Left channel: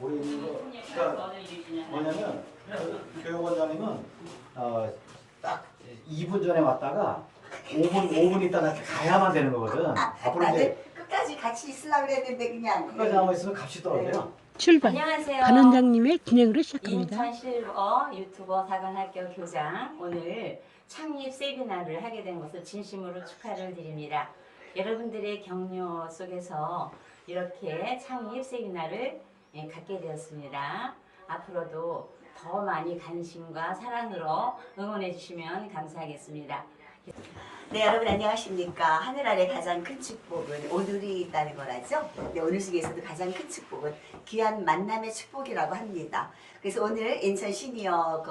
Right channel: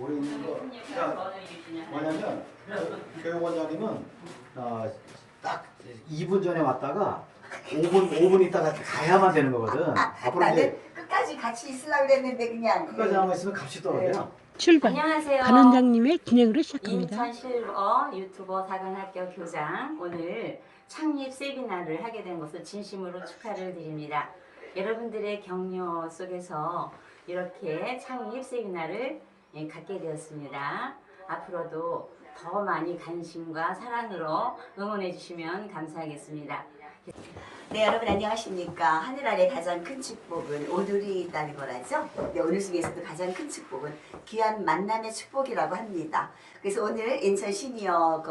오래 있는 거. 그러니까 뭐냐면 교육원장님은 딱 2분 전에 왔다가 5분 있다가 가야만 되는 거거든. 앞으로 이제 끝까지 같이 있으려고 그랬는데 그냥 끝까지 남아 있으면 값이 떨어져요. 출발. 안녕하세요. 반 원장님의 진행으로 시작합니다. 인천 실버 유튜버 사관학교 교장, 오늘 창립 세미나를 하게 된 것을 진심으로 축하를 드립니다. 여러분들의 격려 속에서 이렇게 창립 세미나를 갖게 되었습니다. 앞으로도 더 많이 관심과 사랑으로 응원해 주시면 감사하겠습니다. 네, 여러분 안녕하십니까. 하늘 아래 가장 큰 축복은 오늘이 있다는 거라죠. 네, 오늘 중에서도 가장 큰 축복은 귀한 만남의 축복이라고 합니다. 그래서 오늘 인천 시니어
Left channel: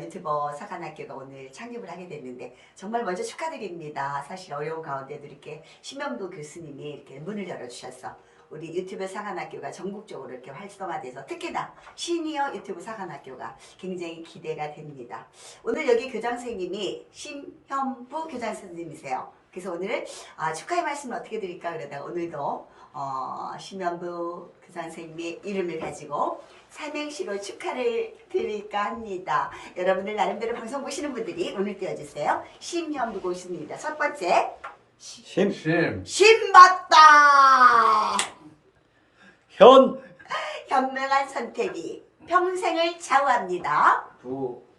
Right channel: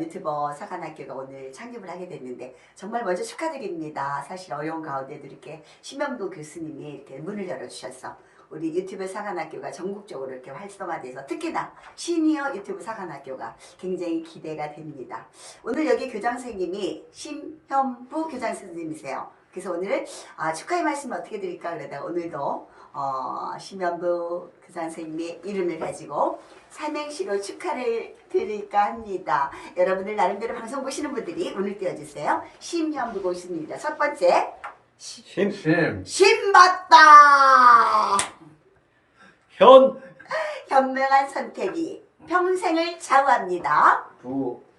유튜버 사관학교가 오늘 창립을 하게 됐는데 정말 먼저 축하드립니다. 사실 어려운 가운데도 이렇게 심영도 교수님이 이렇게 문을 열어주셔서 우리 유튜브 사관학교가 전국적으로 이렇게 활성화돼서 특히나 시니어 유튜브 사관학교가 굉장히 기대가 됩니다. 오늘 여기 교장 선생님이 심현부 교장 선생님이세요. 그래서 오늘 축하의 말씀을 어떻게 드릴까 그러다가 오늘도 심현부 교장 선생님의 이름을 가지고 삼행시로 축하를 드릴까 합니다. 여러분들 나름대로 방송 보시는 분들이 운을 띄워주세요. 심현부 교수님입니다. 첫 번째 심 맞다. 현명한 선택이 평생을 좌우합니다.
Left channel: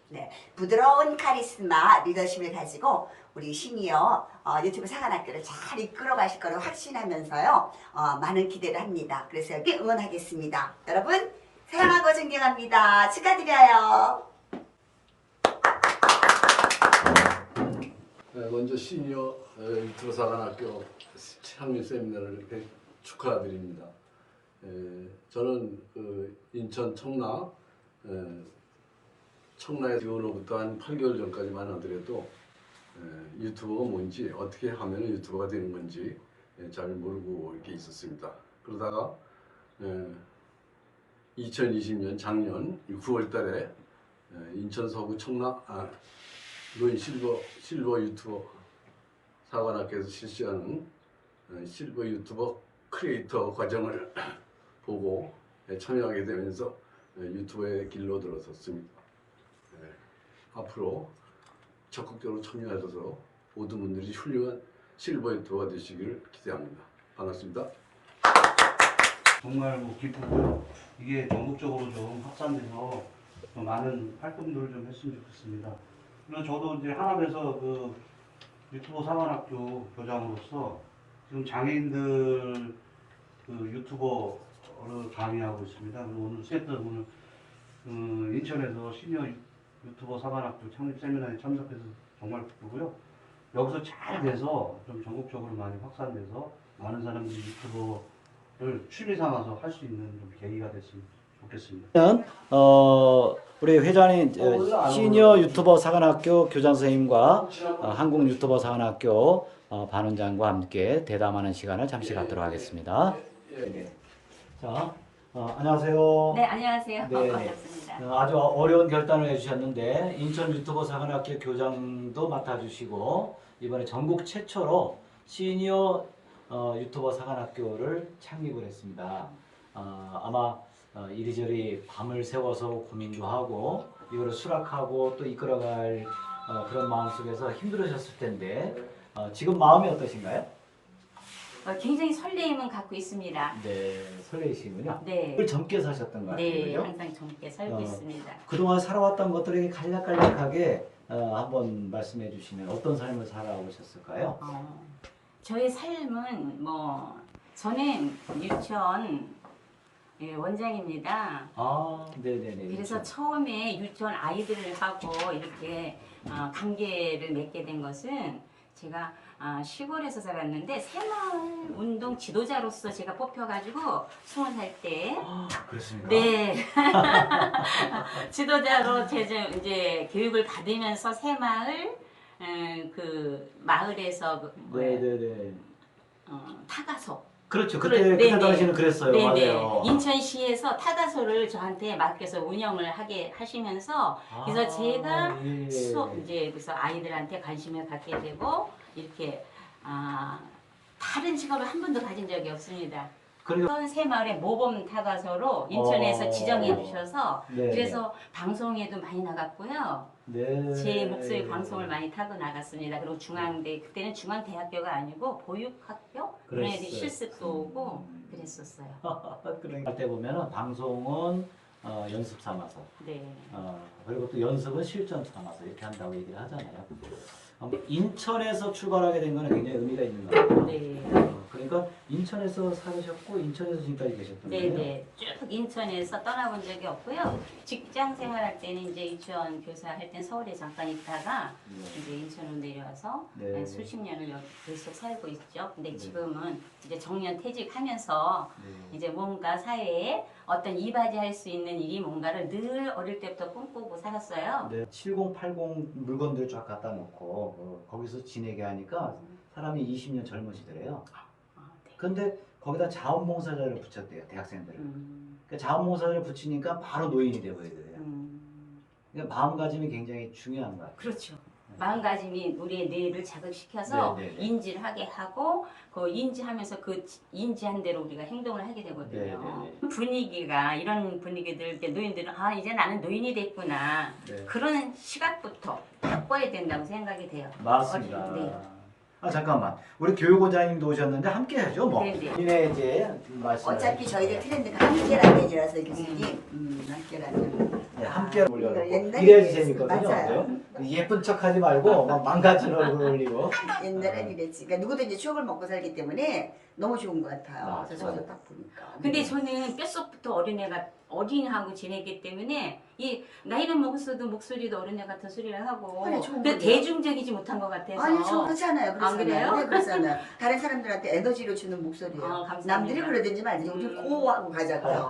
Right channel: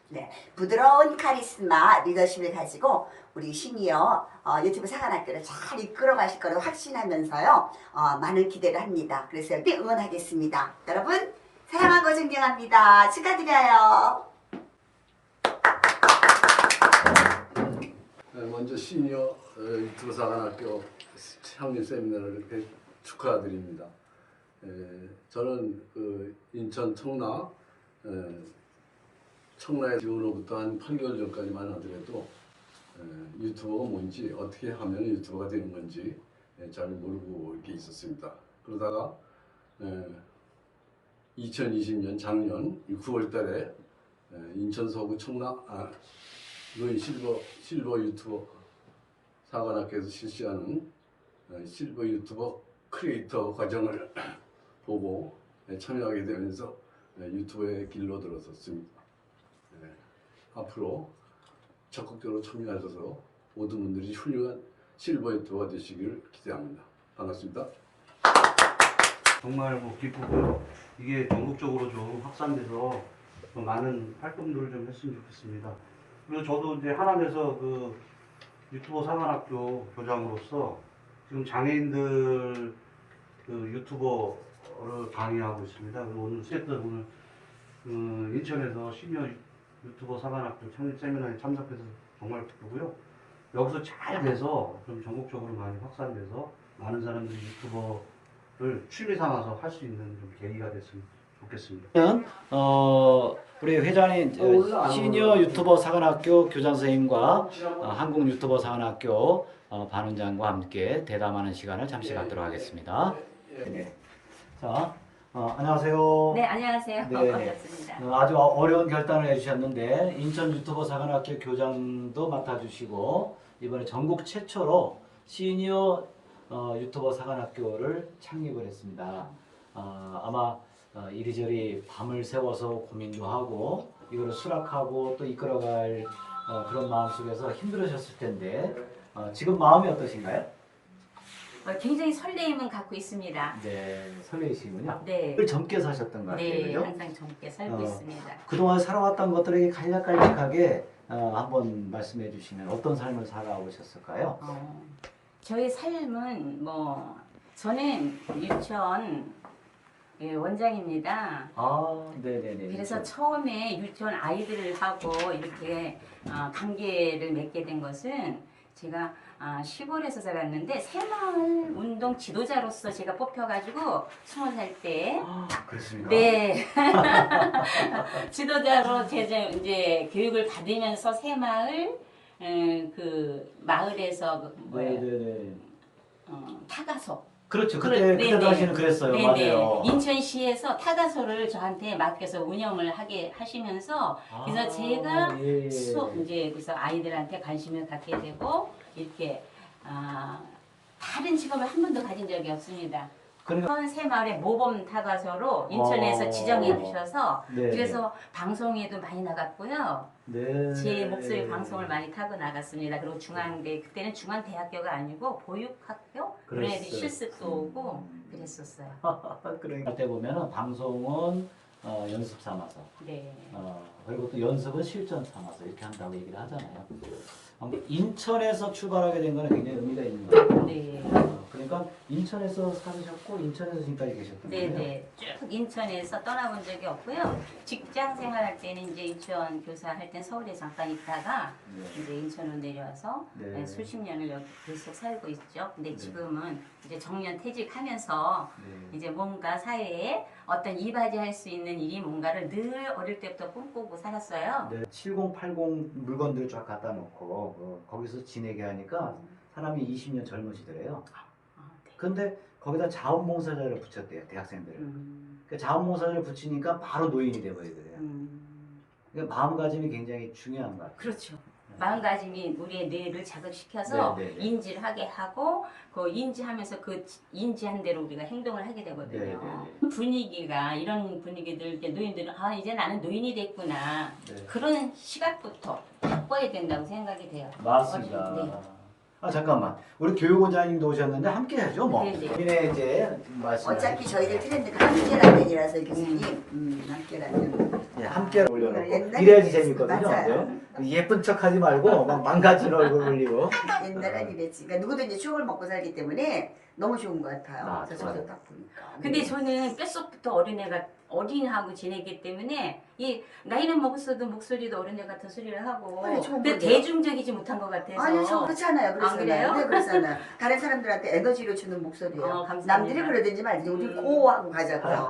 네, 부드러운 카리스마 리더십을 가지고 우리 시니어 유튜브 사관학교를 잘 이끌어 가실 거라고 확신하면서요 많은 기대를 합니다. 그래서 여기 응원하겠습니다. 여러분 사랑하고 존경합니다. 축하드려요. 네, 먼저 시니어 유튜브 사관학교 창립 세미나를 이렇게 축하드립니다. 저는 인천 청라에 지원으로부터 한 8개월 전까지만 하더라도 유튜버가 뭔지 어떻게 하면 유튜버가 되는 건지 잘 모르고 이렇게 있었습니다. 그러다가 2020년 작년 9월 달에 인천 서구 로인 실버 유튜버 사관학교에서 실시하는 실버 유튜버 크리에이터 과정을 보고 참여하게 되면서 유튜브의 길로 들어섰습니다. 앞으로 적극적으로 참여하셔서 모든 분들이 훌륭한 실버 유튜버가 되시기를 기대합니다. 반갑습니다. 정말 기쁘고요. 이게 전국적으로 좀 확산돼서 더 많은 활동들을 좀 했으면 좋겠습니다. 그리고 저도 이제 하남에서 유튜버 사관학교 교장으로서 지금 장애인들 유튜버를 강의하고 있습니다. 그리고 오늘 인천에서 시니어 유튜버 사관학교 창립 세미나에 참석해서 정말 기쁘고요. 여기서 잘 돼서 좀 전국적으로 많이 확산돼서 많은 사람들이 유튜버를 취미 삼아서 할 수 있는 좀 계기가 됐으면 좋겠습니다. 우리 회장님 시니어 유튜버 사관학교 교장 선생님과 한국 유튜버 사관학교 반 원장과 함께 대담하는 시간을 잠시 갖도록 하겠습니다. 네. 자, 안녕하세요. 네, 안녕하세요. 네, 반갑습니다. 아주 어려운 결단을 해주셨는데 인천 유튜버 사관학교 교장도 맡아주시고 이번에 전국 최초로 시니어 유튜버 사관학교를 창립을 했습니다. 아마 이리저리 밤을 새워서 고민도 하고 이거를 수락하고 또 이끌어갈 그런 마음속에서 힘들으셨을 텐데 지금 마음이 어떠신가요? 굉장히 설레임은 갖고 있습니다. 네, 설레이시군요. 네. 늘 젊게 사셨던 것 같아요. 네, 그죠? 항상 젊게 살고 있습니다. 그동안 살아왔던 것들에게 간략간략하게 한번 말씀해 주시면 어떤 삶을 살아오셨을까요? 저희 삶은 저는 유치원 원장입니다. 네네네. 그래서 처음에 유치원 아이들하고 이렇게 관계를 맺게 된 것은 제가 시골에서 살았는데 새마을 운동 지도자로서 제가 뽑혀가지고 20살 때 그렇습니까? 네 지도자로 이제 교육을 받으면서 새마을 마을에서 네네네. 타가소 그렇죠. 그때 당시는 그랬어요. 네네. 맞아요. 인천시에서 타가소를 저한테 맡겨서 운영을 하시면서 그래서 제가 이제 그래서 아이들한테 관심을 갖게 되고 이렇게 다른 직업을 한 번도 가진 적이 없습니다. 그러니까 새 마을의 모범 타가서로 인천에서 지정해 주셔서 네. 그래서 방송에도 많이 나갔고요. 네. 제 목소리 방송을 많이 타고 나갔습니다. 그리고 중앙대 그때는 중앙대학교가 아니고 보육학교 그런 애들 그랬어요. 실습도 오고 그랬었어요. 그러니까 때 보면은 방송은 연습 삼아서 네. 그리고 또 연습은 실전 삼아서 이렇게 한다고 얘기를 하잖아요. 인천에서 출발하게 된 거는 굉장히 의미가 있는 것 같아요. 네. 그러니까 인천에서 살으셨고 인천에서 지금까지 계셨던 거예요. 네네. 쭉 인천에서 떠나본 적이 없고요. 직장 생활할 때는 이제 유치원 교사 할 땐 서울에 잠깐 있다가 이제 인천으로 내려와서 네. 수십 년을 여기 계속 살고 있죠. 근데 네. 지금은 이제 정년 퇴직하면서 네. 이제 뭔가 사회에 어떤 이바지할 수 있는 일이 뭔가를 늘 어릴 때부터 꿈꾸고 살았어요. 네. 7080 물건들 쫙 갖다 놓고 거기서 지내게 하니까 사람이 20년 젊어지더래요. 아, 네. 근데 거기다 자원봉사자를 붙였대요, 대학생들. 음, 그러니까 자원봉사자를 붙이니까 바로 노인이 되버리더래요. 그러니까 마음가짐이 굉장히 중요한 것 같아요. 그렇죠. 마음가짐이 우리의 뇌를 자극시켜서 네, 네, 네. 인지를 하게 하고 그 인지하면서 그 인지한 대로 우리가 행동을 하게 되거든요. 네, 네, 분위기가 이런 분위기들 이제 노인들은 아 이제 나는 노인이 됐구나 네. 그런 시각부터 바꿔야 된다고 생각이 돼요. 맞습니다. 네. 잠깐만. 우리 교육원장님도 오셨는데 함께 하죠, 뭐. 네, 네. 본인의 이제 말씀. 어차피 저희들 트렌드가 함께라면이라서 교수님 함께라면 네, 함께 올려놓고 옛날에 이래야지 그랬어요. 재밌거든요. 맞아요. 네. 예쁜 척하지 말고 막 망가진 얼굴 올리고. 옛날엔 이랬지. 그러니까 누구든지 추억을 먹고 살기 때문에 너무 좋은 것 같아요. 아, 그래서 좋아요. 저도 딱 보니까. 근데 저는 뼛속부터 어린이하고 지내기 때문에 이 나이는 먹었어도 목소리도 어린애 같은 소리를 하고 아니, 좋은 그 건데요? 대중적이지 못한 것 같아서 아니 저 그렇잖아요. 안 그래요? 네, 그렇잖아요. 다른 사람들한테 에너지를 주는 목소리예요. 감사합니다. 남들이 그러든지 말든지 우리 고하고 가자고요.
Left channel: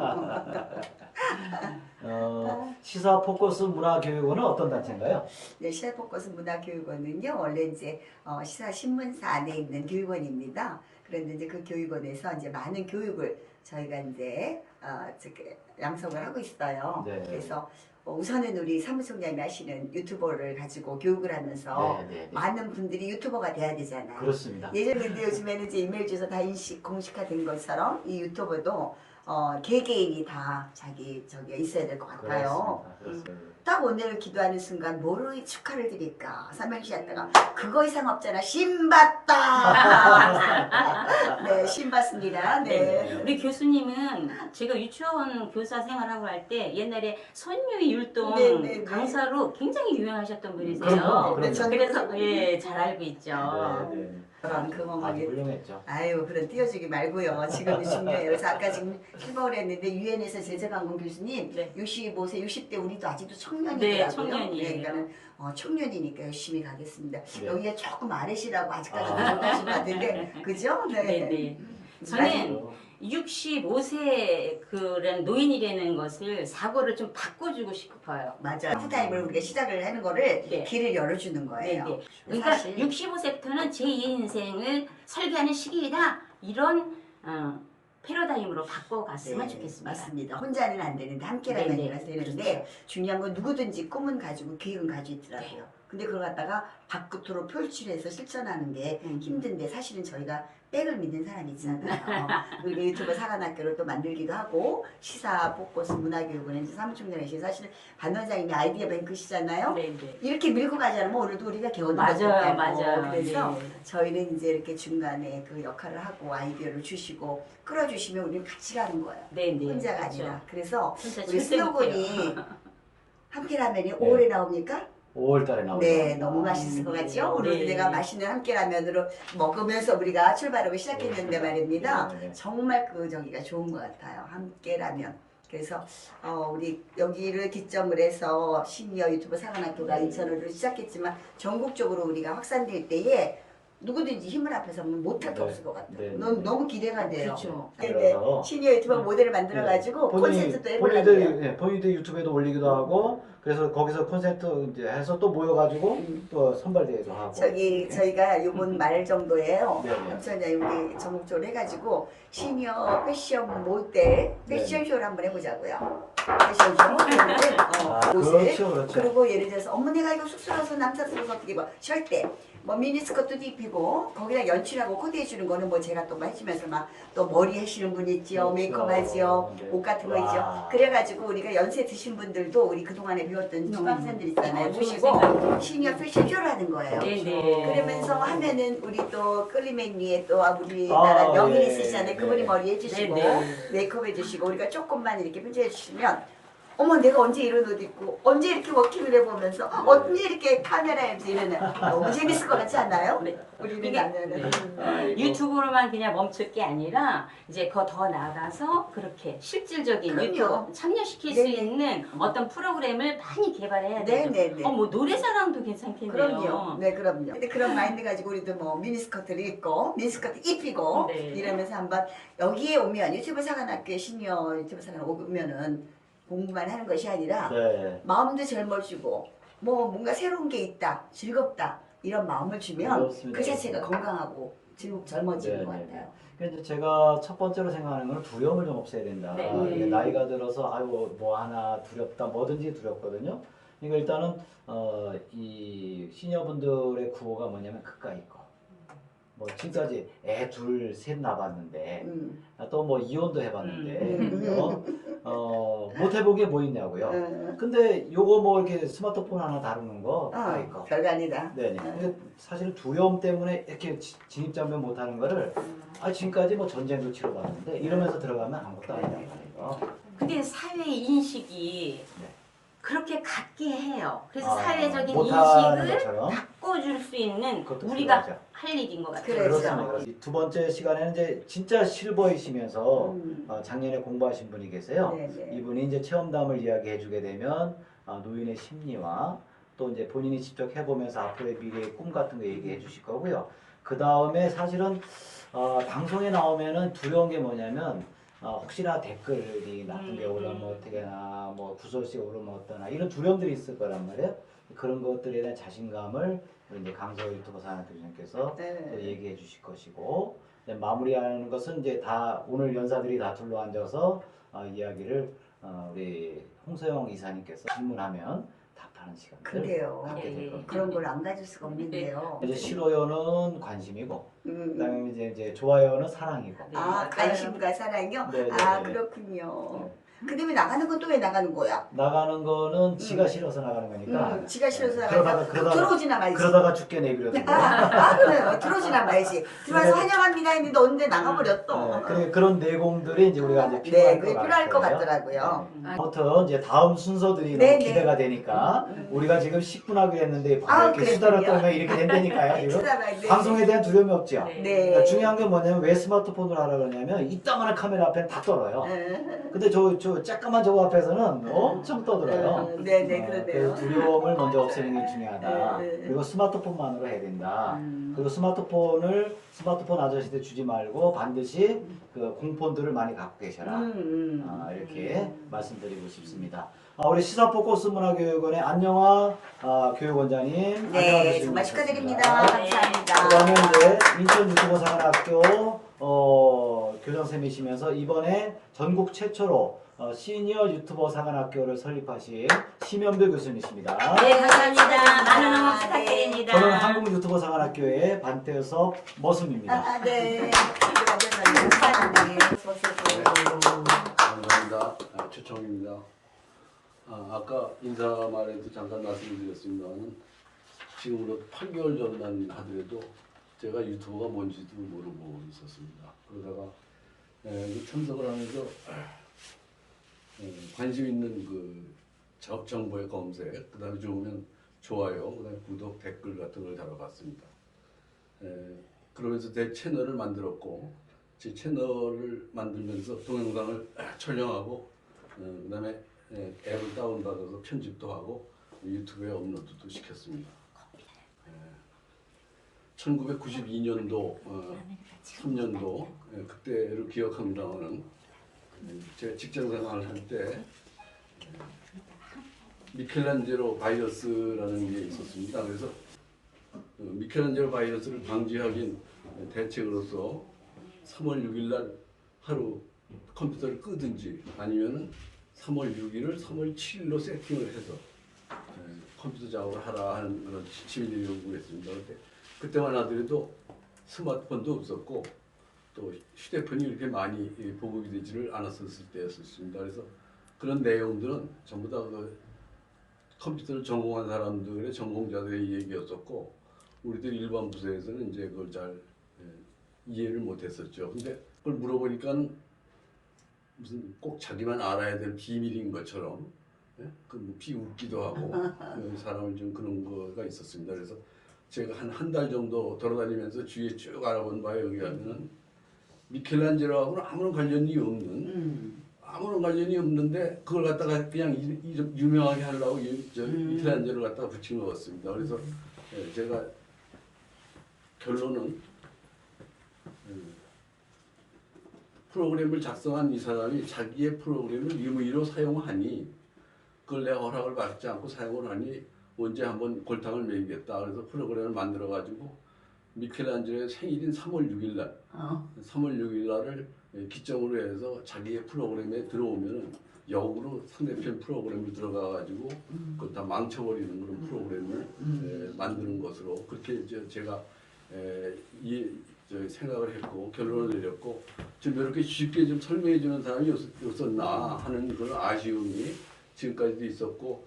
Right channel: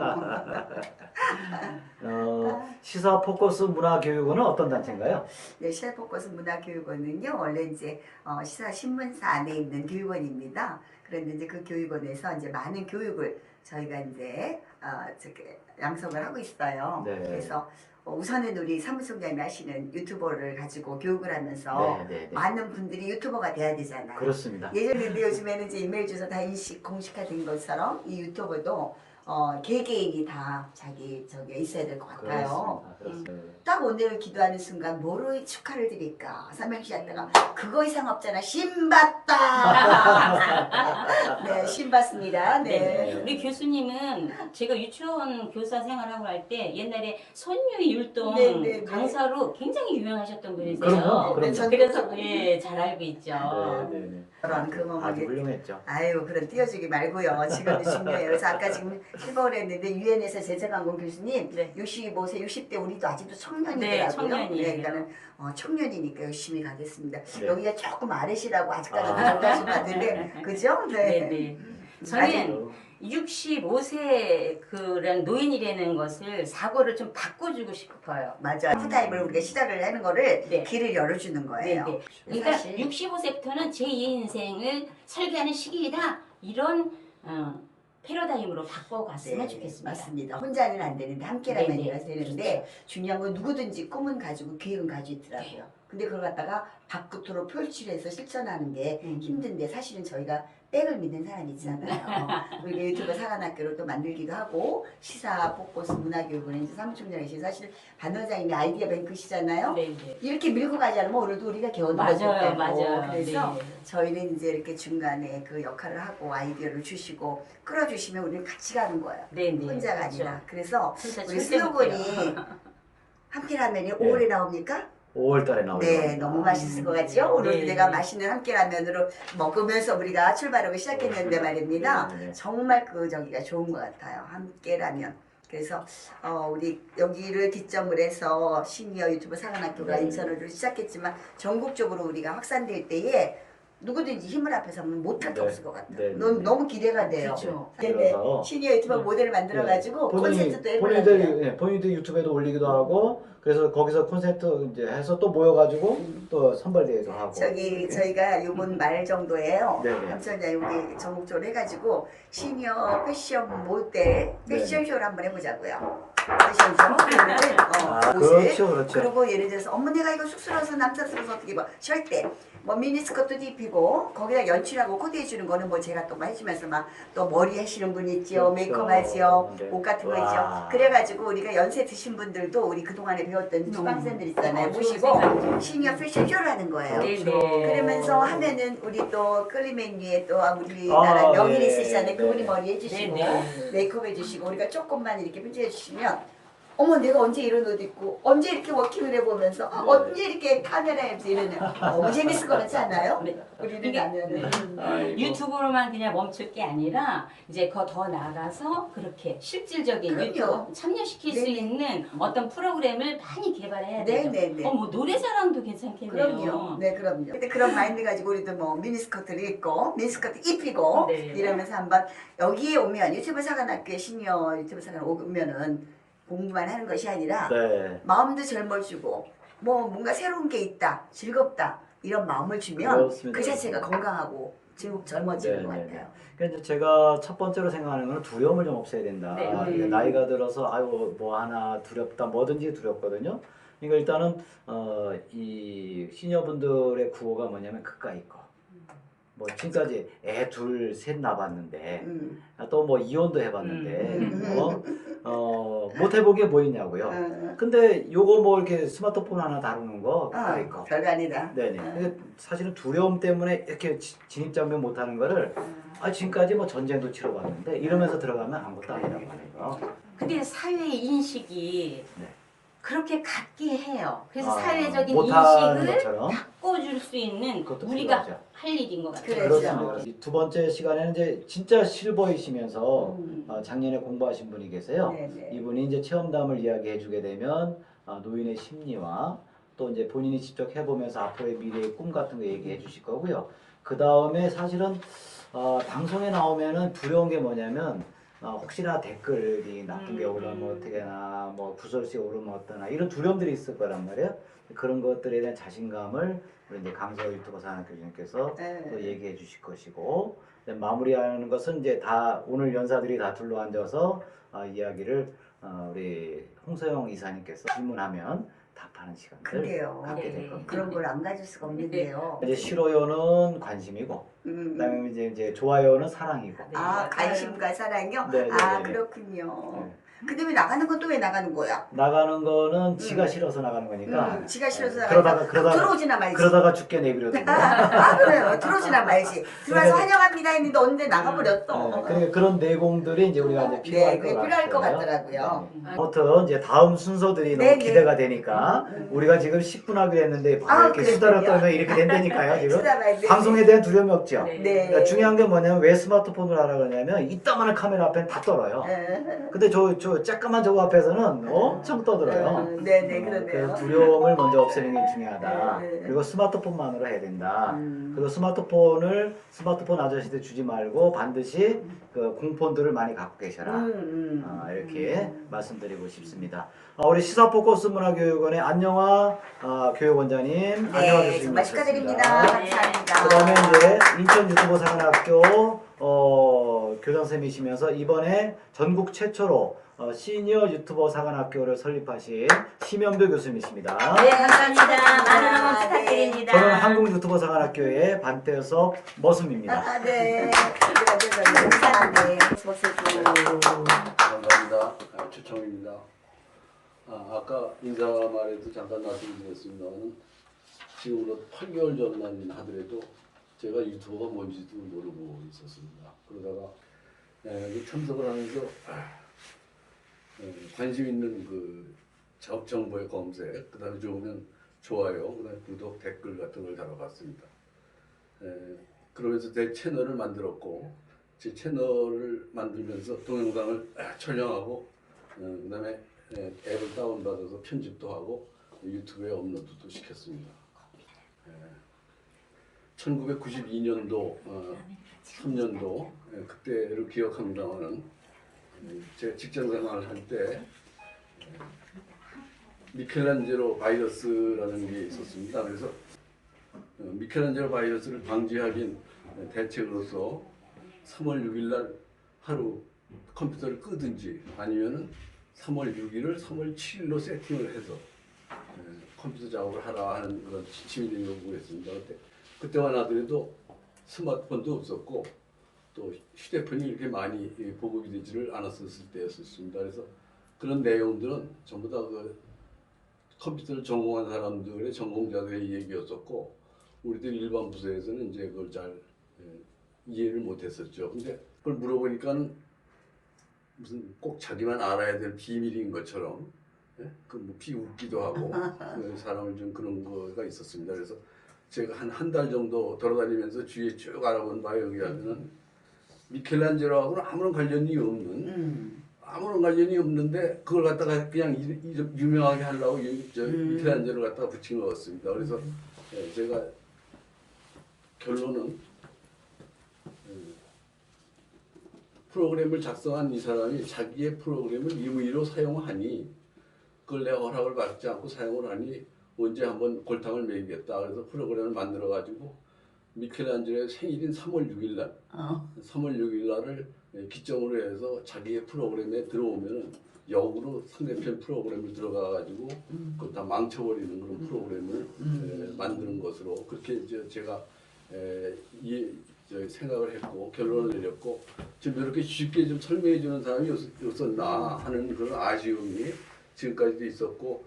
시사 포커스 문화교육원은 어떤 단체인가요? 네, 시사포커스 문화교육원은요 원래 이제 시사 신문사 안에 있는 교육원입니다. 그런데 이제 그 교육원에서 이제 많은 교육을 저희가 이제 양성을 하고 있어요. 네. 그래서 우선은 우리 사무총장님이 하시는 유튜버를 가지고 교육을 하면서 많은 분들이 유튜버가 돼야 되잖아요. 그렇습니다. 예전에 근데 요즘에는 이제 이메일 주소 다 인식 공식화된 것처럼 이 유튜버도 개개인이 다 자기 저기 있어야 될 것 같아요. 그렇습니다. 딱 오늘 기도하는 순간 뭐로 축하를 드릴까? 삼행시 하다가 그거 이상 없잖아. 신받다. 네, 신받습니다. 네. 우리 교수님은 제가 유치원 교사 생활하고 할 때 옛날에 손유희 율동 네, 네, 네. 강사로 굉장히 유명하셨던 분이세요. 그럼요. 네, 전- 그래서 예, 잘 알고 있죠. 그런 그 아주 어머니. 훌륭했죠. 아유, 그런 띄워주기 말고요. 지금은 중요해요. 그래서 아까 지금 실버를 했는데 유엔에서 제자강공 교수님 네. 65세, 60대 우리도 아직도 청년이더라고요. 네, 청년이에요. 그러니까는 청년이니까 열심히 가겠습니다. 네. 여기가 조금 아래시라고 아직까지 아. 못하신 것 같은데, 그죠? 네, 네. 저는 65세 그런 노인이라는 것을 사고를 좀 바꿔주고 싶어요. 맞아. 풀타임을 우리가 시작을 하는 거를 네. 길을 열어주는 네, 거예요. 네. 그러니까 사실 65세부터는 제2의 인생을 설계하는 시기이다. 이런 패러다임으로 바꿔갔으면 좋겠습니다. 맞습니다. 혼자는 안 되는데 함께라면 네, 네. 되는데 중요한 건 누구든지 꿈은 가지고 계획은 가지고 있더라고요. 근데 그걸 갖다가 밖으로 표출해서 실천하는 게 힘든데 사실은 저희가 백을 믿는 사람이 있잖아요. 우리가 유튜브 사관학교를 또 만들기도 하고 시사 포커스 문화교육은 이제 사무총장이신 사실 반 원장님이 아이디어 뱅크시잖아요. 네, 네. 이렇게 밀고 가지 않으면 오늘도 우리가 개원을 맞아요, 못했고 맞아요. 그래서 네. 저희는 이제 이렇게 중간에 그 역할을 하고 아이디어를 주시고 끌어주시면 우리는 같이 가는 거예요. 네, 네. 혼자가 그렇죠. 아니라. 그래서 진짜 우리 절대 못해요. 슬로건이 함께라면이 5월에 나옵니까? 5월달에 나오죠. 네, 너무 맛있을 것 같죠? 오늘 네, 내가 네. 맛있는 함께라면으로 먹으면서 우리가 출발하고 시작했는데 말입니다. 네, 네. 정말 그 저기가 좋은 것 같아요. 함께라면. 그래서 우리 여기를 기점을 해서 시니어 유튜브 사관학교가 네. 인천으로 시작했지만 전국적으로 우리가 확산될 때에 누구든지 힘을 앞에서 하면 못할 게 네. 없을 것 같아요. 네, 네, 너무, 네. 너무 기대가 돼요. 그렇죠. 근데 그래서 시니어 유튜버 모델을 만들어가지고 콘텐츠도 해보려고요. 본인들 유튜브에도 올리기도 하고 그래서 거기서 콘서트 이제 해서 또 모여가지고 또 선발대회도 하고. 저기 저희가 요번 말 정도에요. 네네. 삼천야 우리 전국적으로 해가지고 시니어 패션 모델 패션쇼를 한번 해보자고요. 패션쇼 그러면은 옷을 그렇죠, 그렇죠. 그리고 예를 들어서 어머 내가 이거 쑥스러워서 남사스러워서 어떻게 뭐 절대 뭐 미니스커트도 입히고 거기다 연출하고 코디해 주는 거는 뭐 제가 또 막 해주면서 막 또 머리 하시는 분 있지요, 그렇죠. 메이크업 하지요, 네. 옷 같은 거 와. 있죠. 그래가지고 우리가 연세 드신 분들도 우리 그 동안에 배웠던 수강생들 있잖아요. 모시고 시니어 패션쇼를 하는 거예요. 네, 그렇죠. 네. 그러면서 하면은 우리 또 끌리맨 위에 또 우리나라 명인 예. 있으시잖아요. 그분이 네. 머리 해주시고 네, 메이크업 해주시고 우리가 조금만 이렇게 편집해 주시면 어머 내가 언제 이런 옷 입고 언제 이렇게 워킹을 해보면서 언제 이렇게 카메라에 들면은 너무 재밌을 것 같지 않아요? 네. 우리는 이게- 나면은 아이고. 유튜브로만 그냥 멈출 게 아니라 이제 더 나가서 그렇게 실질적인 그럼요. 유튜브 참여시킬 수 네네. 있는 어떤 프로그램을 많이 개발해야 돼요. 네네네. 뭐 노래자랑도 괜찮겠네요. 그럼요. 네, 그럼요. 근데 그런 마인드 가지고 우리도 뭐 미니스커트를 입고 미니스커트 입히고 네. 이러면서 한번 여기에 오면 유튜브 사관학교에 시니어 유튜브 사관 오면은 공부만 하는 것이 아니라 네. 마음도 젊어지고 뭐 뭔가 새로운 게 있다, 즐겁다 이런 마음을 주면 그렇습니다. 그 자체가 건강하고 젊어지는 것 네, 네, 같아요. 그러니까 이제 제가 첫 번째로 생각하는 건 두려움을 좀 없애야 된다. 네. 그러니까 나이가 들어서 아유 뭐 하나 두렵다, 뭐든지 두렵거든요. 그러니까 일단은 이 시니어분들의 구호가 뭐냐면 그까이 거. 뭐 지금까지 애 둘 셋 낳았는데 또 뭐 이혼도 해봤는데 못 해본 게 뭐 있냐고요. 근데 요거 뭐 이렇게 스마트폰 하나 다루는 거 그까이 거. 별거 아니다. 네네. 근데 사실은 두려움 때문에 이렇게 진입장벽 못하는 거를 지금까지 뭐 전쟁도 치러봤는데 이러면서 들어가면 아무것도 아니란 말이에요. 근데 사회 인식이 네. 그렇게 갖게 해요. 그래서 아, 사회적인 못하는 인식을 것처럼 바꿔줄 수 있는 그것도 우리가 필요하죠. 할 일인 것 같아요. 그렇죠. 그렇습니다. 이두 번째 시간에는 이제 진짜 실버이시면서 음. 작년에 공부하신 분이 계세요. 네네. 이분이 이제 체험담을 이야기해주게 되면 노인의 심리와 또 이제 본인이 직접 해보면서 앞으로의 미래의 꿈 같은 거 얘기해 주실 거고요. 그 다음에 사실은 방송에 나오면은 두려운 게 뭐냐면 혹시나 댓글이 나쁜 게 오르면 어떻게 하나 뭐 구설수에 오르면 어떠나 이런 두려움들이 있을 거란 말이에요. 그런 것들에 대한 자신감을 우리 이제 강서 유튜버 산학교장님께서 또 얘기해 주실 것이고 마무리하는 것은 이제 다 오늘 연사들이 다 둘러앉아서 이야기를 우리 홍서영 이사님께서 질문하면 답하는 시간을 그게요. 갖게 될 예. 겁니다. 그런 걸 안 가질 수가 없는데요. 이제 싫어요는 관심이고 그다음에 이제 좋아요는 사랑이고. 네, 아 맞아요. 관심과 사랑이요? 네, 네, 아 네, 네. 그렇군요. 네. 그다음에 나가는 건 또 왜 나가는 거야? 나가는 거는 지가 싫어서 나가는 거니까. 지가 싫어서 그러다가 나가니까 그러다가 들어오지나 말지. 그러다가 죽게 내버려 두고. 그래요. 들어오지나 말지. 들어와서 환영합니다 했는데 언제 나가버렸어. 그러니까 그런 내공들이 이제 우리가 이제 필요할 네, 그게 것 필요할 것 같아요. 같더라고요. 네. 아무튼 이제 다음 순서들이 네, 너무 네. 기대가 되니까 우리가 지금 10분 하기로 했는데 아, 이렇게 그랬군요. 수다를 떨면 이렇게 된다니까요 지금. 수다를, 네. 방송에 대한 두려움이 없죠. 네. 네. 그러니까 중요한 게 뭐냐면 왜 스마트폰을 하라 그러냐면 이따만한 카메라 앞에는 다 떨어요. 근데 저 쬐까만 저거 앞에서는 엄청 떠들어요. 네네 그러네요. 그래서 두려움을 먼저 없애는 게 중요하다. 네. 그리고 스마트폰만으로 해야 된다. 그리고 스마트폰 아저씨들 주지 말고 반드시 그 공폰들을 많이 갖고 계셔라. 이렇게 말씀드리고 싶습니다. 우리 시사포커스 문화교육원의 안영화 교육원장님, 안영화 네, 교수님 정말 축하드립니다. 모셨습니다. 감사합니다. 그다음에 이제 인천 유튜버 사관학교 교장선생님이시면서 이번에 전국 최초로 시니어 유튜버 사관학교를 설립하신 심연배 교수님이십니다. 네, 감사합니다. 많은 응원 네. 부탁드립니다. 저는 한국 유튜버 사관학교의 반태섭 머슴입니다. 아, 네. 감사합니다. 감사합니다. 최청입니다. 아까 인사말에도 잠깐 말씀드렸습니다만 지금으로 8개월 전만 하더라도 제가 유튜버가 뭔지도 모르고 있었습니다. 그러다가 참석을 하면서 관심 있는 그 정보의 검색, 그다음에 좋으면 좋아요, 그다음에 구독, 댓글 같은 걸 달아봤습니다. 그러면서 제 채널을 만들었고 제 채널을 만들면서 동영상을 촬영하고 그다음에 앱을 다운받아서 편집도 하고 유튜브에 업로드도 시켰습니다. 1992년도, 3년도 그때를 기억합니다만은 제 직장 생활을 할 때 미켈란젤로 바이러스라는 게 있었습니다. 그래서 미켈란젤로 바이러스를 방지하기 대책으로서 3월 6일 날 하루 컴퓨터를 끄든지 아니면은 3월 6일을 3월 7일로 세팅을 해서 컴퓨터 작업을 하라 하는 그런 시민들이 요구했습니다. 그때만 하더라도 스마트폰도 없었고 또 휴대폰이 이렇게 많이 보급이 되지를 않았었을 때였습니다. 그래서 그런 내용들은 전부 다 그 컴퓨터를 전공한 사람들의 전공자들의 얘기였었고 우리들 일반 부서에서는 이제 그걸 잘 이해를 못했었죠. 근데 그걸 물어보니까는 무슨 꼭 자기만 알아야 될 비밀인 것처럼 그뭐 비웃기도 하고 사람을 좀 그런 거가 있었습니다. 그래서 제가 한 달 정도 돌아다니면서 주위에 쭉 알아본 바에 의하면은 미켈란젤로하고는 아무런 관련이 없는 아무런 관련이 없는데 그걸 갖다가 그냥 유명하게 하려고 미켈란젤로를 갖다가 붙인 것 같습니다. 그래서 제가 결론은 프로그램을 작성한 이 사람이 자기의 프로그램을 임의로 사용하니 그걸 내가 허락을 받지 않고 사용을 하니 언제 한번 골탕을 먹이겠다. 그래서 프로그램을 만들어 가지고 미켈란젤로의 생일인 3월 6일 날 3월 6일 날을 기점으로 해서 자기의 프로그램에 들어오면은 역으로 상대편 프로그램을 들어가 가지고 그걸 다 망쳐버리는 그런 프로그램을 만드는 것으로 그렇게 이제 제가 생각을 했고 결론을 내렸고 지금 이렇게 쉽게 좀 설명해 주는 사람이 없었나 하는 그런 아쉬움이 지금까지도 있었고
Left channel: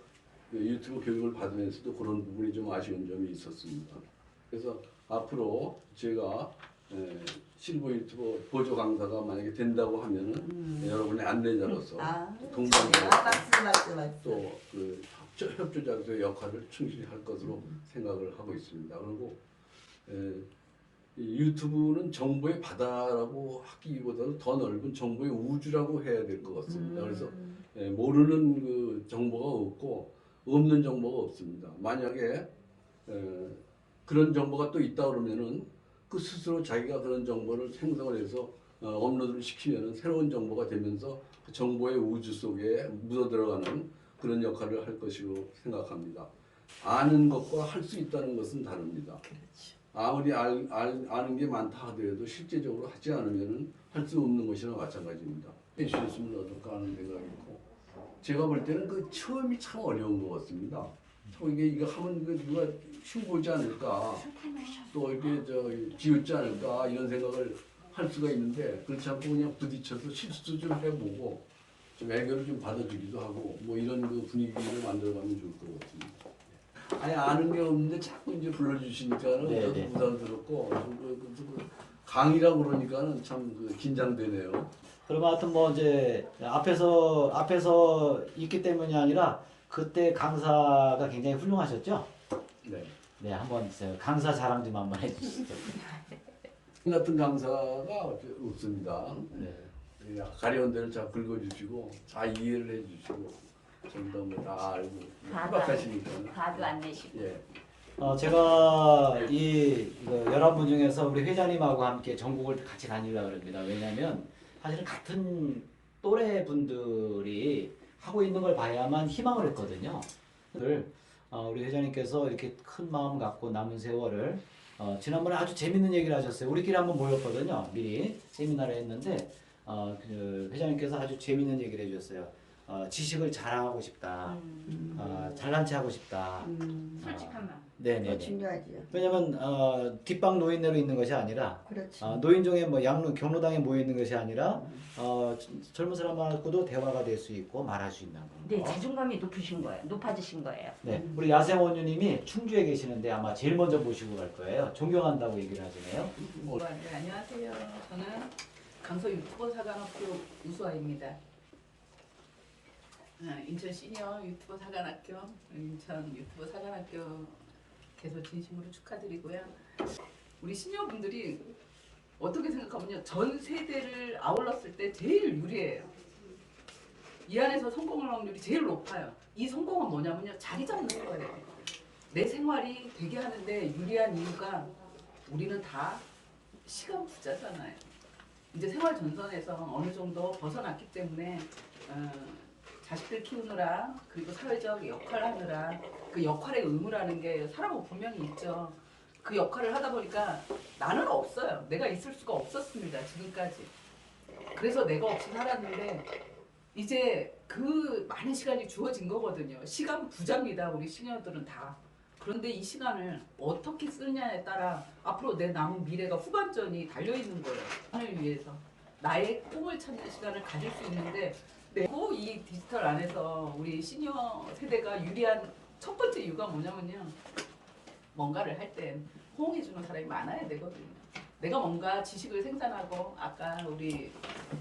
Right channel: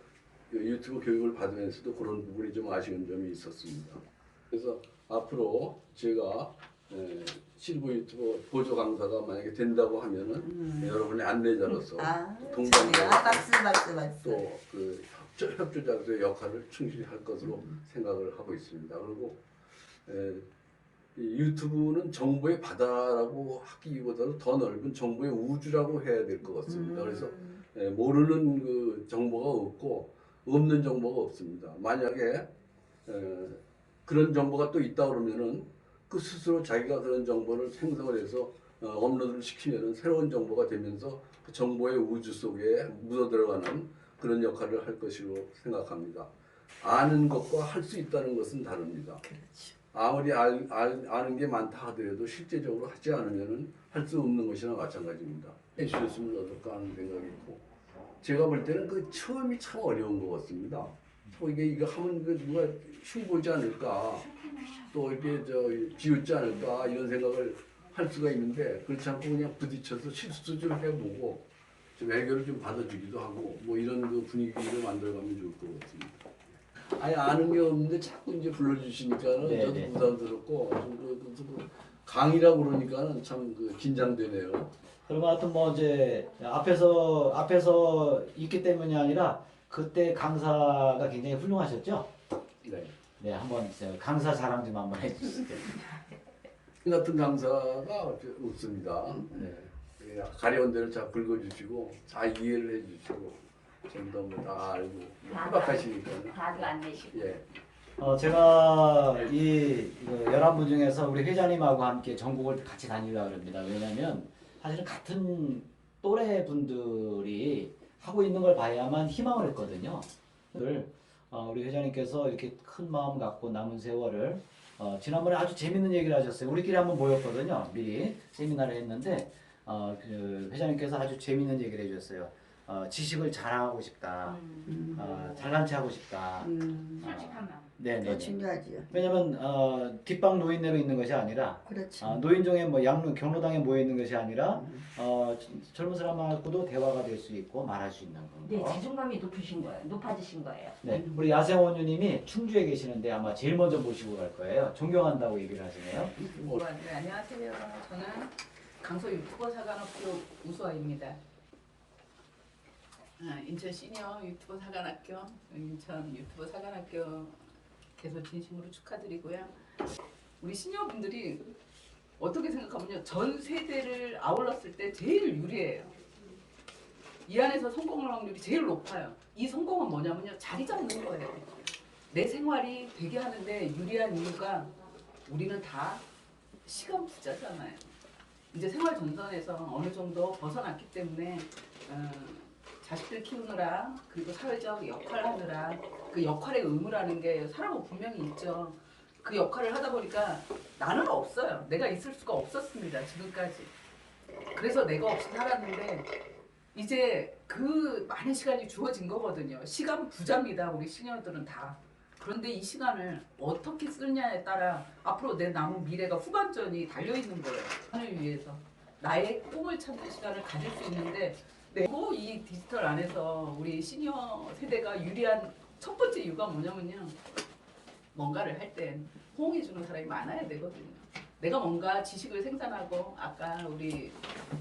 유튜브 교육을 받으면서도 그런 부분이 좀 아쉬운 점이 있었습니다. 그래서 앞으로 제가 실버 유튜버 보조 강사가 만약에 된다고 하면은 여러분의 안내자로서 동반자 또그 협조자로서의 역할을 충실히 할 것으로 생각을 하고 있습니다. 그리고 이 유튜브는 정보의 바다라고 하기보다도 더 넓은 정보의 우주라고 해야 될 것 같습니다. 그래서 모르는 그 정보가 없고 없는 정보가 없습니다. 만약에 그런 정보가 또 있다 그러면은 그 스스로 자기가 그런 정보를 생성을 해서 업로드를 시키면은 새로운 정보가 되면서 그 정보의 우주 속에 묻어 들어가는 그런 역할을 할 것이라고 생각합니다. 아는 것과 할 수 있다는 것은 다릅니다. 아무리 아는 게 많다 하더라도 실제적으로 하지 않으면은 할 수 없는 것이나 마찬가지입니다. 해주셨으면 어떨까 하는 생각이 있고 제가 볼 때는 그 처음이 참 어려운 것 같습니다. 이거 하면 누가 흉보지 않을까 또 이렇게 지우지 않을까 이런 생각을 할 수가 있는데 그렇지 않고 그냥 부딪혀서 실수 좀 해보고 좀 애교를 좀 받아주기도 하고 뭐 이런 그 분위기를 만들어가면 좋을 것 같습니다. 아니 아는 게 없는데 자꾸 이제 불러주시니까는 저도 부담스럽고 강의라고 그러니까는 참 긴장되네요. 그러면 하여튼 뭐 이제 앞에서 있기 때문이 아니라 그때 강사가 굉장히 훌륭하셨죠? 네. 네, 한번 강사 자랑 좀 한번 해주시죠. 이 같은 강사가 없습니다. 네. 가려운 데를 잘 긁어주시고 잘 이해를 해주시고 전부 다 알고 해박하시니까. 화도 안 내시고. 예. 제가 이 11분 중에서 우리 회장님하고 함께 전국을 같이 다니려고 합니다. 왜냐하면 사실은 같은 또래 분들이 하고 있는 걸 봐야만 희망을 했거든요. 우리 회장님께서 이렇게 큰 마음 갖고 남은 세월을 지난번에 아주 재밌는 얘기를 하셨어요. 우리끼리 한번 모였거든요. 미리 세미나를 했는데 그 회장님께서 아주 재밌는 얘기를 해주셨어요. 지식을 자랑하고 싶다. 잘난 체 하고 싶다. 솔직한 마음. 네네. 중요하지요. 왜냐면 뒷방 노인네로 있는 것이 아니라 그렇죠. 노인정에 뭐 경로당에 모여 있는 것이 아니라 젊은 사람하고도 대화가 될 수 있고 말할 수 있는 거. 네, 자존감이 높아지신 거예요. 네, 우리 야생원유님이 충주에 계시는데 아마 제일 먼저 모시고 갈 거예요. 존경한다고 얘기를 하시네요. 네, 안녕하세요. 저는 강서 유튜버 사관학교 우수아입니다. 인천 시니어 유튜버 사관학교, 인천 유튜버 사관학교 개소 진심으로 축하드리고요. 우리 시니어분들이 어떻게 생각하면요, 전 세대를 아울렀을 때 제일 유리해요. 이 안에서 성공할 확률이 제일 높아요. 이 성공은 뭐냐면요, 자리 잡는 거예요. 내 생활이 되게 하는데 유리한 이유가 우리는 다 시간 부자잖아요. 이제 생활 전선에서 어느 정도 벗어났기 때문에 자식들 키우느라 그리고 사회적 역할을 하느라 그 역할의 의무라는 게 사람은 분명히 있죠. 그 역할을 하다 보니까 나는 없어요. 내가 있을 수가 없었습니다. 지금까지. 그래서 내가 없이 살았는데 이제 그 많은 시간이 주어진 거거든요. 시간 부자입니다. 우리 시니어들은 다. 그런데 이 시간을 어떻게 쓰느냐에 따라 앞으로 내 남은 미래가 후반전이 달려있는 거예요. 하늘 위해서. 나의 꿈을 찾는 시간을 가질 수 있는데 그리고 이 디지털 안에서 우리 시니어 세대가 유리한 첫 번째 이유가 뭐냐면요. 뭔가를 할 때 호응해주는 사람이 많아야 되거든요. 내가 뭔가 지식을 생산하고 아까 우리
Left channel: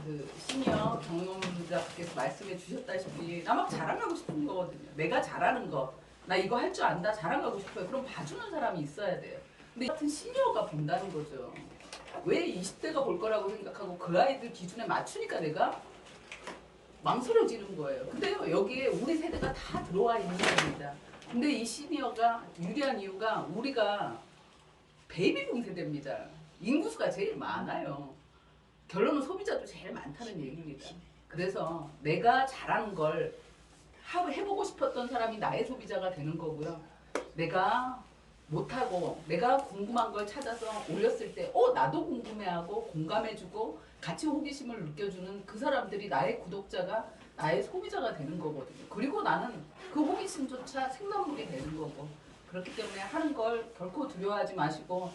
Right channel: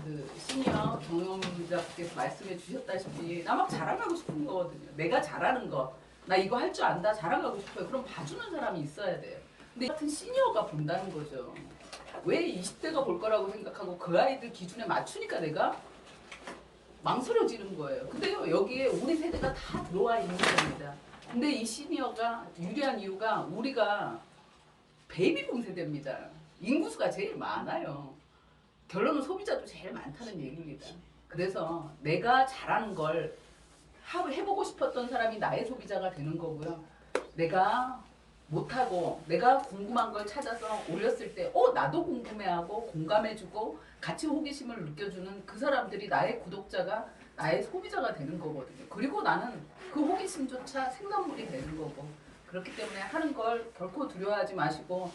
그 시니어 경영자께서 말씀해 주셨다시피 나 막 자랑하고 싶은 거거든요. 내가 잘하는 거, 나 이거 할 줄 안다 자랑하고 싶어요. 그럼 봐주는 사람이 있어야 돼요. 근데 같은 시니어가 본다는 거죠. 왜 20대가 볼 거라고 생각하고 그 아이들 기준에 맞추니까 내가 망설여지는 거예요. 근데 여기에 우리 세대가 다 들어와 있는 겁니다. 근데 이 시니어가 유리한 이유가 우리가 베이비붐 세대입니다. 인구수가 제일 많아요. 결론은 소비자도 제일 많다는 얘기입니다. 그래서 내가 잘하는 걸 해보고 싶었던 사람이 나의 소비자가 되는 거고요. 내가 못하고 내가 궁금한 걸 찾아서 올렸을 때 나도 궁금해하고 공감해주고 같이 호기심을 느껴주는 그 사람들이 나의 구독자가 나의 소비자가 되는 거거든요. 그리고 나는 그 호기심조차 생산물이 되는 거고 그렇기 때문에 하는 걸 결코 두려워하지 마시고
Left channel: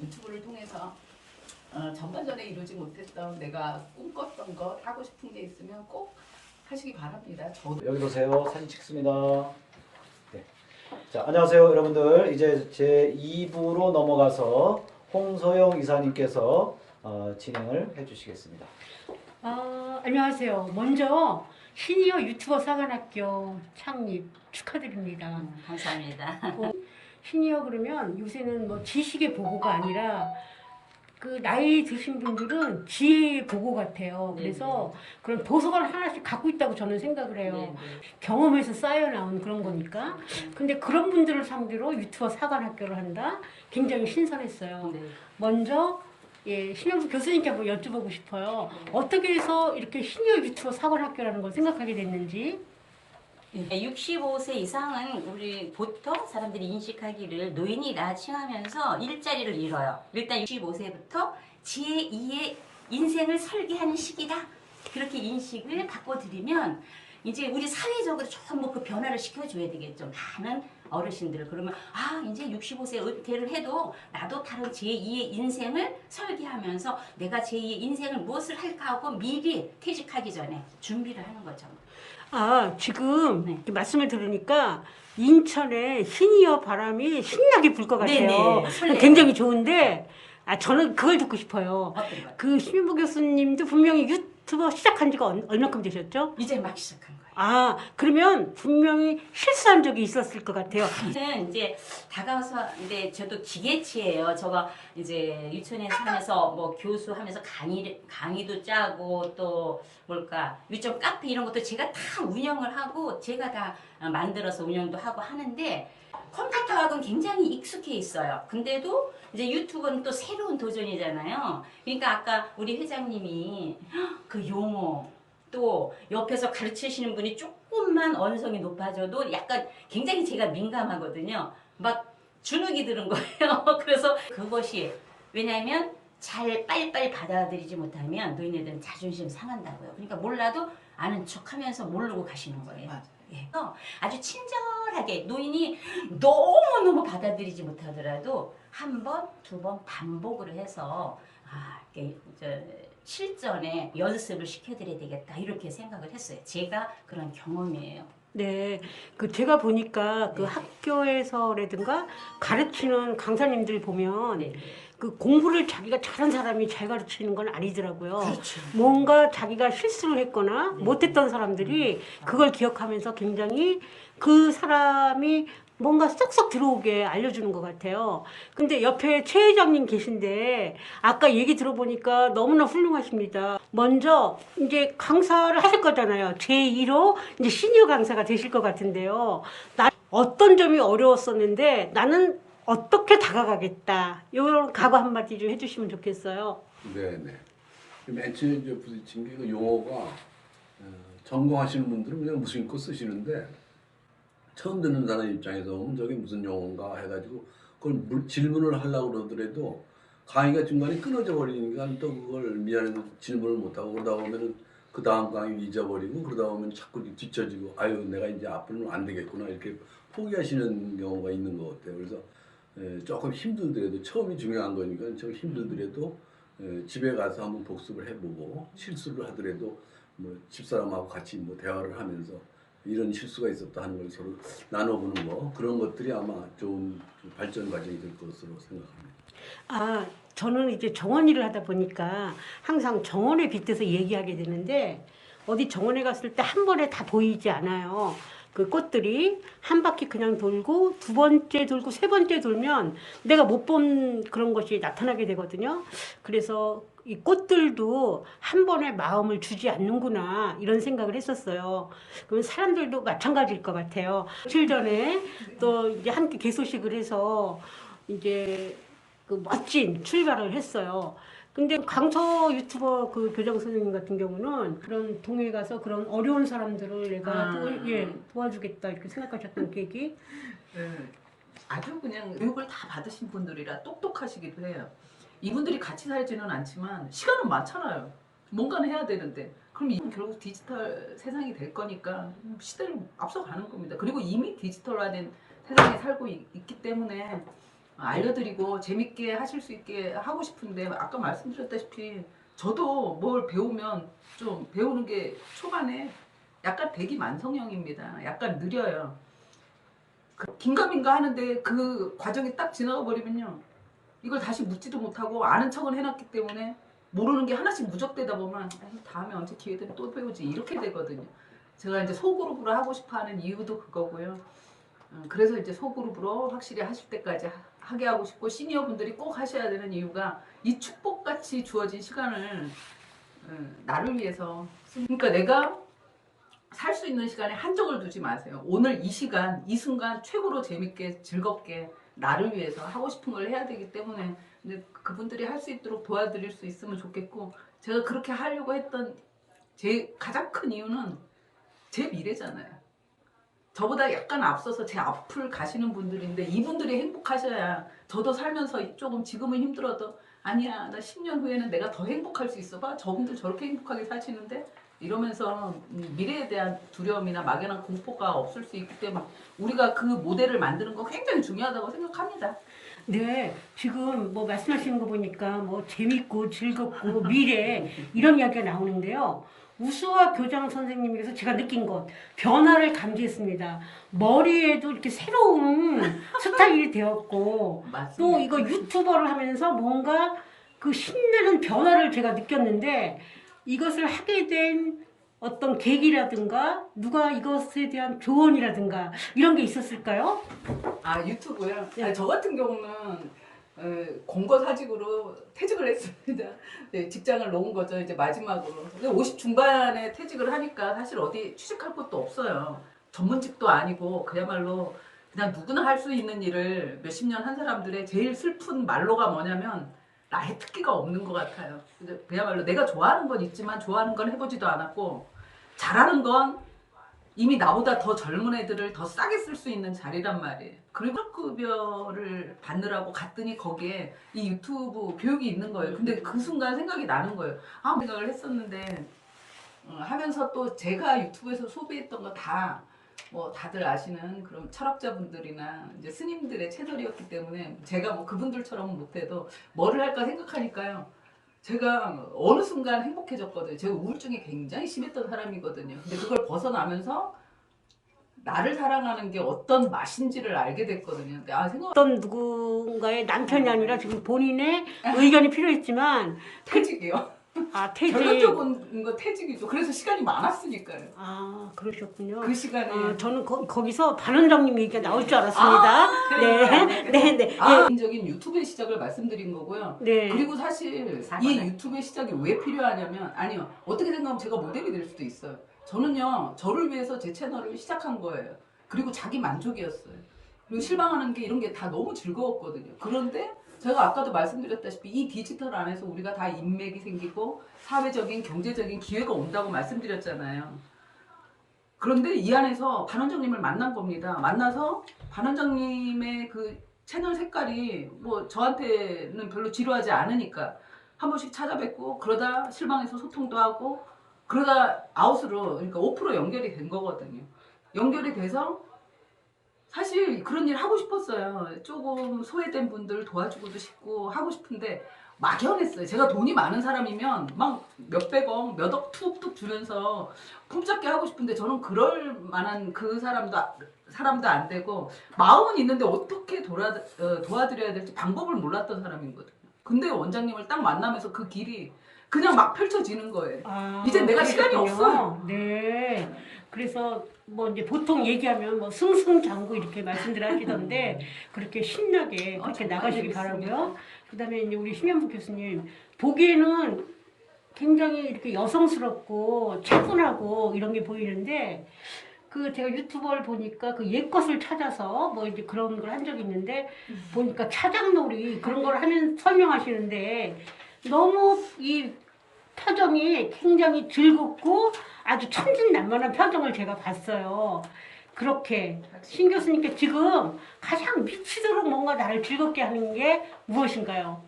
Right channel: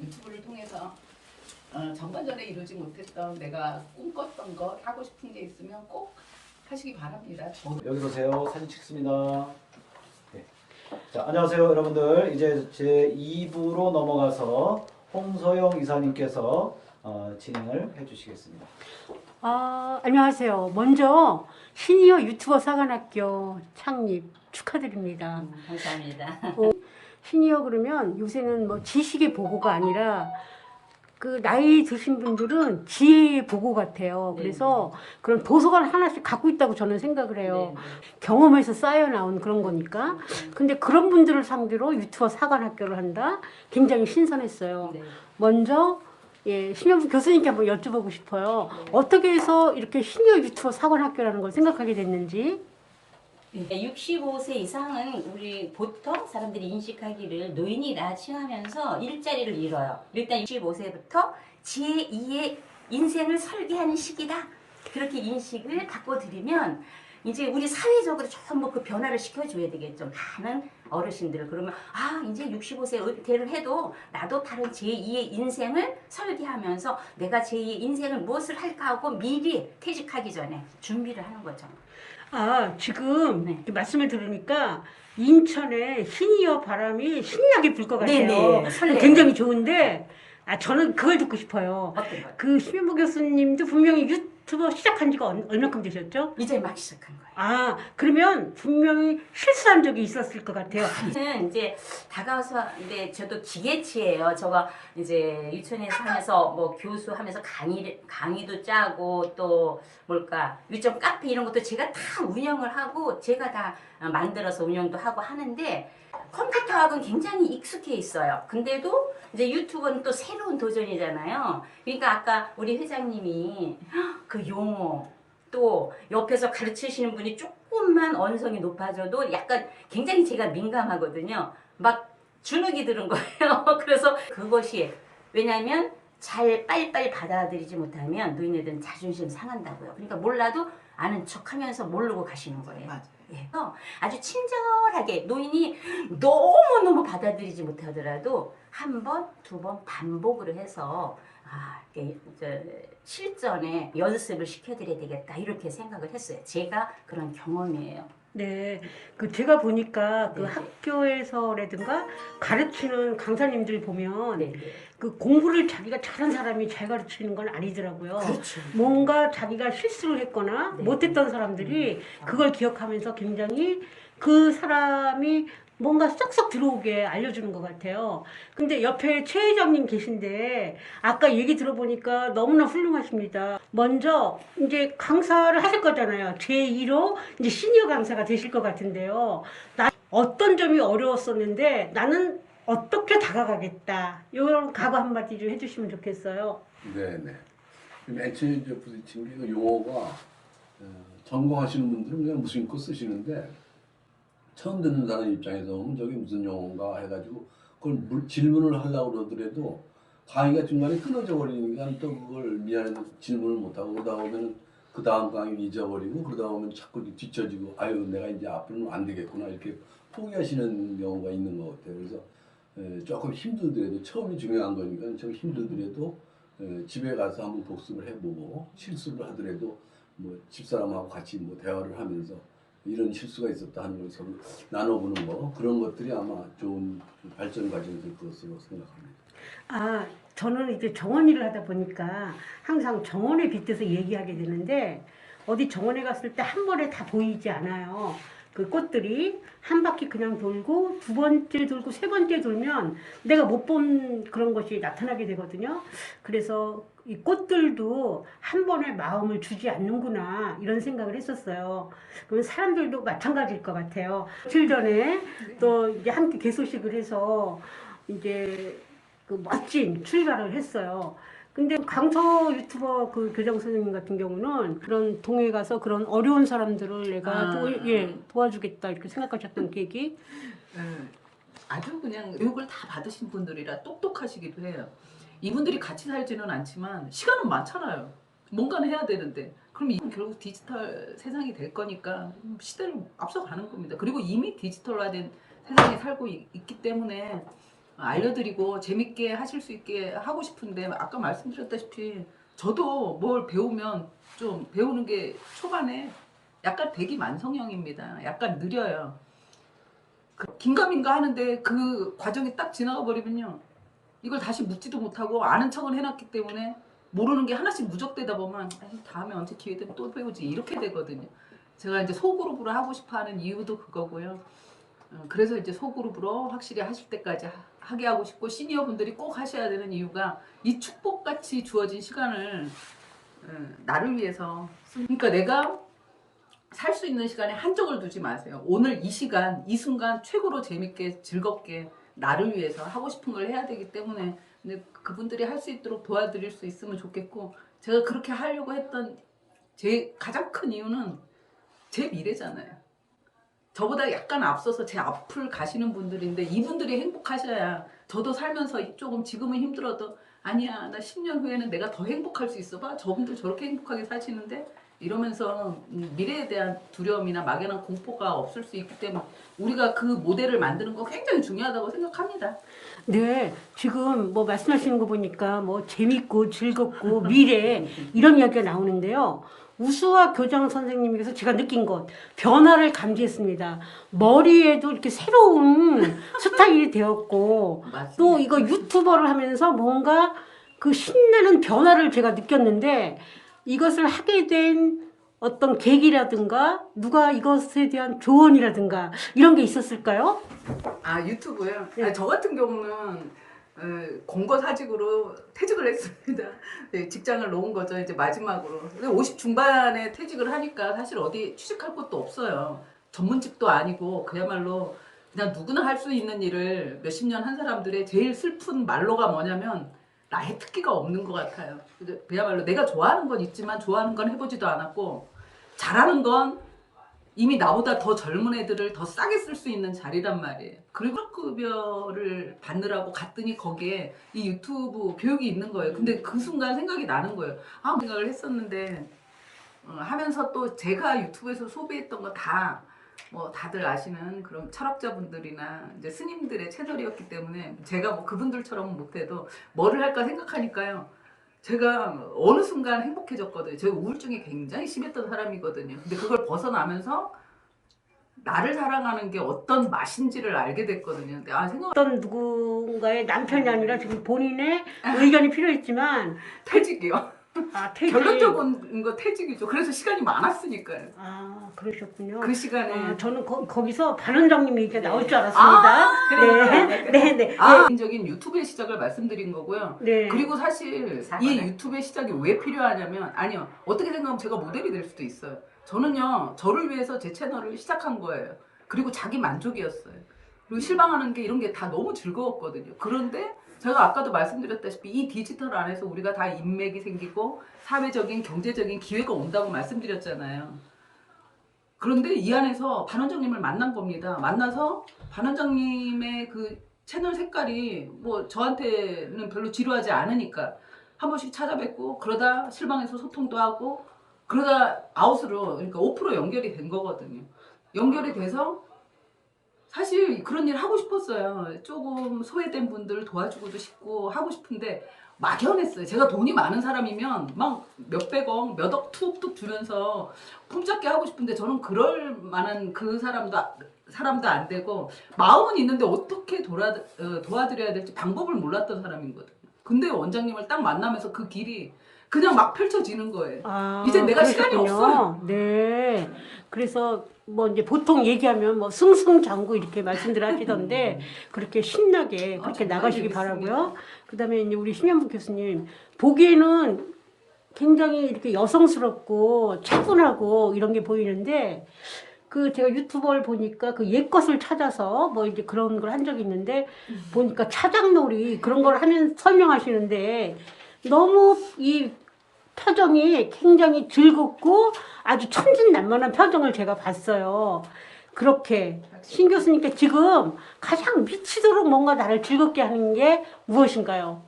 유튜브를 통해서 전반전에 이루지 못했던 내가 꿈꿨던 거 하고 싶은 게 있으면 꼭 하시기 바랍니다. 저도 여기 보세요. 사진 찍습니다. 네. 자, 안녕하세요, 여러분들. 이제 제 2부로 넘어가서 홍서영 이사님께서 진행을 해주시겠습니다. 안녕하세요. 먼저 시니어 유튜버 사관학교 창립 축하드립니다. 감사합니다. 시니어 그러면 요새는 뭐 지식의 보고가 아니라 그 나이 드신 분들은 지혜의 보고 같아요. 네, 그래서 그런 도서관 하나씩 갖고 있다고 저는 생각을 해요. 네, 경험에서 쌓여 나온 그런 거니까. 근데 그런 분들을 상대로 유튜버 사관학교를 한다? 굉장히 신선했어요. 네. 먼저 신영수 교수님께 한번 여쭤보고 싶어요. 어떻게 해서 이렇게 시니어 유튜버 사관학교라는 걸 생각하게 됐는지. 65세 이상은 우리 보통 사람들이 인식하기를 노인이라 칭하면서 일자리를 잃어요. 일단 65세부터 제2의 인생을 설계하는 시기다. 그렇게 인식을 바꿔드리면 이제 우리 사회적으로 전부 그 변화를 시켜줘야 되겠죠. 많은 어르신들을. 그러면 이제 65세 은퇴를 해도 나도 다른 제2의 인생을 설계하면서 내가 제2의 인생을 무엇을 할까 하고 미리 퇴직하기 전에 준비를 하는 거죠. 지금 네. 이렇게 말씀을 들으니까 인천에 시니어 바람이 신나게 불 것 같아요. 네네, 설레요. 굉장히 좋은데 저는 그걸 듣고 싶어요. 어떤 거요? 그 신민보 교수님도 분명히 유튜버 시작한 지가 얼마큼 되셨죠? 이제 막 시작한 거예요. 그러면 분명히 실수한 적이 있었을 것 같아요. 저는 이제 다가와서 근데 저도 기계치예요. 제가 이제 유치원에서 하면서 뭐 교수하면서 강의도 짜고 또 뭘까 유점 카페 이런 것도 제가 다 운영을 하고 제가 다 만들어서 운영도 하고 하는데 컴퓨터학은 굉장히 익숙해 있어요. 근데도 이제 유튜브는 또 새로운 도전이잖아요. 그러니까 아까 우리 회장님이 그 용어 또 옆에서 가르치시는 분이 조금만 언성이 높아져도 약간 굉장히 제가 민감하거든요. 막 주눅이 드는 거예요. 그래서 그것이 왜냐하면 잘 빨리빨리 받아들이지 못하면 노인네들은 자존심 상한다고요. 그러니까 몰라도 아는 척하면서 모르고 가시는 거예요. 예. 아주 친절하게 노인이 너무너무 받아들이지 못하더라도 한 번, 두 번 반복을 해서 실전에 연습을 시켜드려야 되겠다 이렇게 생각을 했어요. 제가 그런 경험이에요. 네, 제가 보니까 네. 학교에서라든가 가르치는 강사님들 보면 네. 그 공부를 자기가 잘한 사람이 잘 가르치는 건 아니더라고요. 그렇죠. 뭔가 자기가 실수를 했거나 네. 못했던 사람들이 그걸 기억하면서 굉장히 그 사람이 뭔가 쏙쏙 들어오게 알려주는 것 같아요. 근데 옆에 최 회장님 계신데 아까 얘기 들어보니까 너무나 훌륭하십니다. 먼저 이제 강사를 하실 거잖아요. 제2로 이제 시니어 강사가 되실 것 같은데요. 어떤 점이 어려웠었는데 나는 어떻게 다가가겠다. 이런 각오 한마디 좀 해주시면 좋겠어요. 네네. 맨 처음에 이제 부딪힌 게 그 용어가 전공하시는 분들은 그냥 무심코 쓰시는데 처음 듣는 사람 입장에서 보면 저게 무슨 용어인가 해가지고 그걸 질문을 하려고 그러더라도 강의가 중간에 끊어져 버리니까 또 그걸 미안해서 질문을 못하고 그러다 보면은 그 다음 강의 잊어버리고 그러다 보면 자꾸 뒤처지고 아유 내가 이제 앞으로는 안 되겠구나 이렇게 포기하시는 경우가 있는 것 같아요. 그래서 조금 힘들더라도 처음이 중요한 거니까 좀 힘들더라도 집에 가서 한번 복습을 해보고 실수를 하더라도 뭐 집사람하고 같이 뭐 대화를 하면서 이런 실수가 있었다 하는 걸 서로 나눠보는 거 그런 것들이 아마 좋은 발전 과정이 될 것으로 생각합니다. 아, 저는 이제 정원 일을 하다 보니까 항상 정원에 빗대서 얘기하게 되는데 어디 정원에 갔을 때 한 번에 다 보이지 않아요. 그 꽃들이 한 바퀴 그냥 돌고 두 번째 돌고 세 번째 돌면 내가 못 본 그런 것이 나타나게 되거든요. 그래서 이 꽃들도 한 번에 마음을 주지 않는구나 이런 생각을 했었어요. 그러면 사람들도 마찬가지일 것 같아요. 며칠 전에 또 이제 함께 개소식을 해서 이제 그 멋진 출발을 했어요. 근데 강서 유튜버 그 교장 선생님 같은 경우는 그런 동해 가서 그런 어려운 사람들을 내가 도와주겠다 이렇게 생각하셨던 계기. 아주 그냥 교육을 다 받으신 분들이라 똑똑하시기도 해요. 이분들이 같이 살지는 않지만 시간은 많잖아요. 뭔가는 해야 되는데 그럼 이건 결국 디지털 세상이 될 거니까 시대를 앞서가는 겁니다. 그리고 이미 디지털화된 세상에 살고 있기 때문에 알려드리고 재밌게 하실 수 있게 하고 싶은데 아까 말씀드렸다시피 저도 뭘 배우면 좀 배우는 게 초반에 약간 대기만성형입니다. 약간 느려요. 긴가민가 하는데 그 과정이 딱 지나가 버리면요. 이걸 다시 묻지도 못하고 아는 척은 해놨기 때문에 모르는 게 하나씩 누적되다 보면 다음에 언제 기회 되면 또 배우지 이렇게 되거든요. 제가 이제 소그룹으로 하고 싶어하는 이유도 그거고요. 그래서 이제 소그룹으로 확실히 하실 때까지 하게 하고 싶고 시니어 분들이 꼭 하셔야 되는 이유가 이 축복같이 주어진 시간을 나를 위해서 그러니까 내가 살 수 있는 시간에 한정을 두지 마세요. 오늘 이 시간, 이 순간 최고로 재밌게 즐겁게 나를 위해서 하고 싶은 걸 해야 되기 때문에 이제 그분들이 할 수 있도록 도와드릴 수 있으면 좋겠고 제가 그렇게 하려고 했던 제 가장 큰 이유는 제 미래잖아요. 저보다 약간 앞서서 제 앞을 가시는 분들인데 이분들이 행복하셔야 저도 살면서 조금 지금은 힘들어도 아니야 나 10년 후에는 내가 더 행복할 수 있어 봐 저분들 저렇게 행복하게 사시는데 이러면서 미래에 대한 두려움이나 막연한 공포가 없을 수 있기 때문에 우리가 그 모델을 만드는 거 굉장히 중요하다고 생각합니다. 네, 지금 뭐 말씀하시는 거 보니까 뭐 재밌고 즐겁고 미래 이런 이야기가 나오는데요. 우수화 교장 선생님께서 제가 느낀 것 변화를 감지했습니다. 머리에도 이렇게 새로운 스타일이 되었고 또 이거 유튜버를 하면서 뭔가 그 신나는 변화를 제가 느꼈는데 이것을 하게 된 어떤 계기라든가 누가 이것에 대한 조언이라든가 이런 게 있었을까요? 아 유튜브요? 네. 아니, 저 같은 경우는 공고사직으로 퇴직을 했습니다. 네, 직장을 놓은 거죠 이제 마지막으로. 근데 50 중반에 퇴직을 하니까 사실 어디 취직할 것도 없어요. 전문직도 아니고 그야말로 그냥 누구나 할 수 있는 일을 몇십 년 한 사람들의 제일 슬픈 말로가 뭐냐면 나의 특기가 없는 것 같아요. 그야말로 내가 좋아하는 건 있지만 좋아하는 건 해보지도 않았고 잘하는 건 이미 나보다 더 젊은 애들을 더 싸게 쓸 수 있는 자리란 말이에요. 그리고 급여를 받느라고 갔더니 거기에 이 유튜브 교육이 있는 거예요. 근데 그 순간 생각이 나는 거예요. 아, 생각을 했었는데 하면서 또 제가 유튜브에서 소비했던 거 다 뭐 다들 아시는 그런 철학자분들이나 이제 스님들의 채널이었기 때문에 제가 뭐 그분들처럼 못해도 뭐를 할까 생각하니까요. 제가 어느 순간 행복해졌거든요. 제가 우울증이 굉장히 심했던 사람이거든요. 근데 그걸 벗어나면서 나를 사랑하는 게 어떤 맛인지를 알게 됐거든요. 근데 어떤 누군가의 남편이 아니라 지금 본인의 의견이 필요했지만 퇴직이요. 퇴직. 결론적인 거 퇴직이죠. 그래서 시간이 많았으니까요. 그러셨군요. 그 시간에 저는 거기서 반원장님 얘기가 나올 줄 알았습니다. 네. 개인적인 유튜브의 시작을 말씀드린 거고요. 네. 그리고 사실 이 유튜브의 시작이 왜 필요하냐면 아니요. 어떻게 생각하면 제가 모델이 될 수도 있어요. 저는요. 저를 위해서 제 채널을 시작한 거예요. 그리고 자기 만족이었어요. 그리고 실방하는 게 이런 게 다 너무 즐거웠거든요. 그런데 제가 아까도 말씀드렸다시피 이 디지털 안에서 우리가 다 인맥이 생기고 사회적인 경제적인 기회가 온다고 말씀드렸잖아요. 그런데 이 안에서 반 원장님을 만난 겁니다. 만나서 반 원장님의 그 채널 색깔이 뭐 저한테는 별로 지루하지 않으니까 한 번씩 찾아뵙고 그러다 실방에서 소통도 하고 그러다 아웃으로 그러니까 오프로 연결이 된 거거든요. 연결이 돼서 사실 그런 일 하고 싶었어요. 조금 소외된 분들 도와주고도 싶고 하고 싶은데 막연했어요. 제가 돈이 많은 사람이면 막 몇백억, 몇억 툭툭 주면서 품잡게 하고 싶은데 저는 그럴 만한 그 사람도 안 되고 마음은 있는데 어떻게 도와드려야 될지 방법을 몰랐던 사람이거든요. 근데 원장님을 딱 만나면서 그 길이 그냥 막 펼쳐지는 거예요. 이제 내가 시간이 없어요. 네. 그래서 뭐 이제 보통 얘기하면 뭐 승승장구 이렇게 말씀들 하시던데 그렇게 신나게 그렇게 정말 나가시기 재밌습니다. 바라고요. 그다음에 이제 우리 심현복 교수님 보기에는 굉장히 이렇게 여성스럽고 차분하고 이런 게 보이는데 그 제가 유튜버를 보니까 그 옛것을 찾아서 뭐 이제 그런 걸 한 적이 있는데 보니까 차장놀이 그런 걸 하면 설명하시는데 너무 이 표정이 굉장히 즐겁고 아주 천진난만한 표정을 제가 봤어요. 그렇게 신 교수님께 지금 가장 미치도록 뭔가 나를 즐겁게 하는 게 무엇인가요?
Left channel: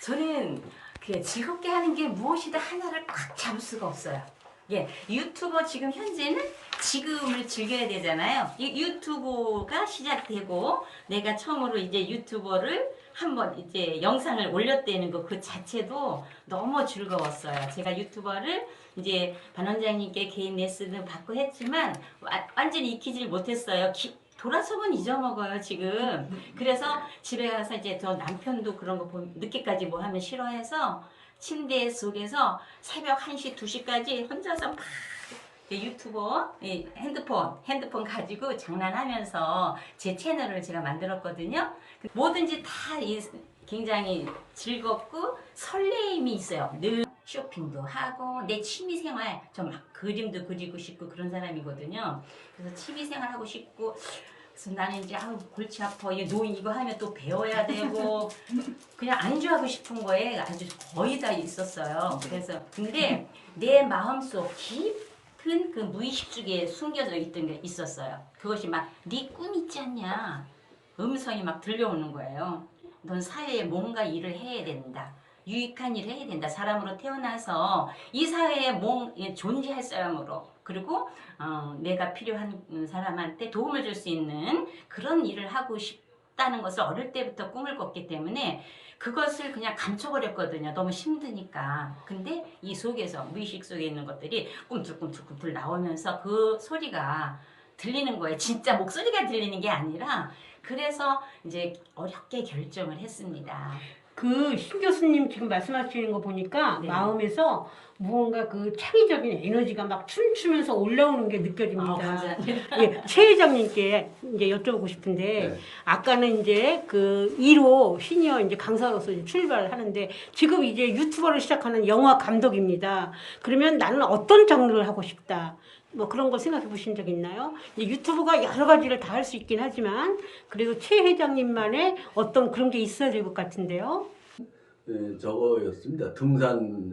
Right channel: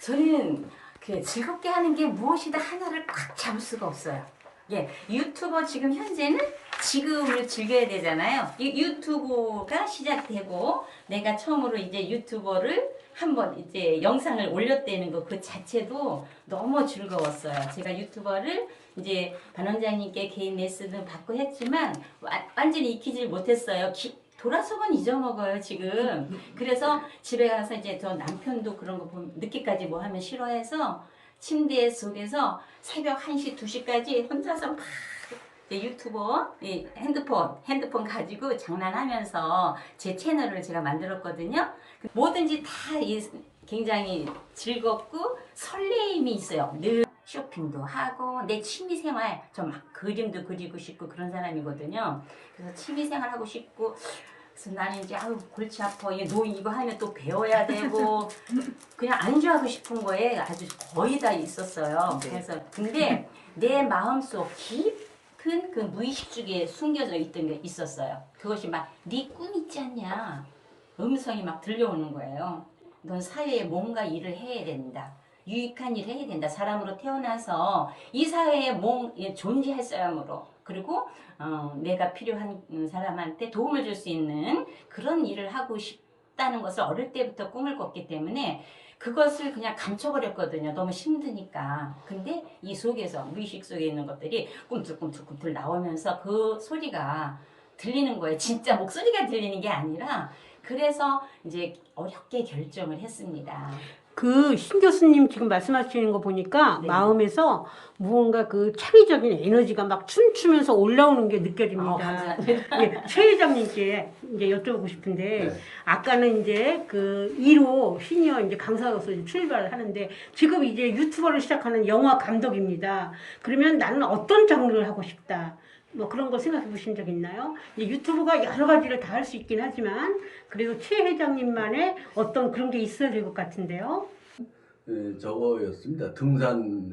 저는 그 즐겁게 하는 게 무엇이다 하나를 꽉 잡을 수가 없어요. 예, 유튜버 지금 현재는 지금을 즐겨야 되잖아요. 이 유튜브가 시작되고 내가 처음으로 이제 유튜버를 한번 이제 영상을 올렸다는 거 그 자체도 너무 즐거웠어요. 제가 유튜버를 이제 반 원장님께 개인 레슨을 받고 했지만 완전히 익히질 못했어요. 돌아서면 잊어먹어요 지금. 그래서 집에 가서 이제 저 남편도 그런 거 보면 늦게까지 뭐 하면 싫어해서 침대 속에서 새벽 1시 2시까지 혼자서 막 유튜버 핸드폰 가지고 장난하면서 제 채널을 제가 만들었거든요. 뭐든지 다 굉장히 즐겁고 설레임이 있어요. 늘 쇼핑도 하고 내 취미생활 저 막 그림도 그리고 싶고 그런 사람이거든요. 그래서 취미생활 하고 싶고 그래서 나는 이제 아우 골치 아파 이거 하면 또 배워야 되고 그냥 안주하고 싶은 거에 아주 거의 다 있었어요. 그래서 근데 내 마음속 깊은 그 무의식 쪽에 숨겨져 있던 게 있었어요. 그것이 막 네 꿈 있지 않냐 음성이 막 들려오는 거예요. 넌 사회에 뭔가 일을 해야 된다. 유익한 일을 해야 된다. 사람으로 태어나서 이 사회에 존재할 사람으로 그리고 내가 필요한 사람한테 도움을 줄 수 있는 그런 일을 하고 싶다는 것을 어릴 때부터 꿈을 꿨기 때문에 그것을 그냥 감춰버렸거든요. 너무 힘드니까. 근데 이 속에서 무의식 속에 있는 것들이 꿈틀꿈틀꿈틀 나오면서 그 소리가 들리는 거예요. 진짜 목소리가 들리는 게 아니라 그래서 이제 어렵게 결정을 했습니다. 그 신 교수님 지금 말씀하시는 거 보니까 네. 마음에서 무언가 그 창의적인 에너지가 막 춤추면서 올라오는 게 느껴집니다. 감사합니다. 예, 최 회장님께 이제 여쭤보고 싶은데 네. 아까는 이제 그 1호 시니어 이제 강사로서 이제 출발을 하는데 지금 이제 유튜버를 시작하는 영화 감독입니다. 그러면 나는 어떤 장르를 하고 싶다. 뭐 그런 거 생각해 보신 적 있나요? 이제 유튜브가 여러 가지를 다 할 수 있긴 하지만 그래도 최 회장님만의 어떤 그런 게 있어야 될 것 같은데요. 저거였습니다. 등산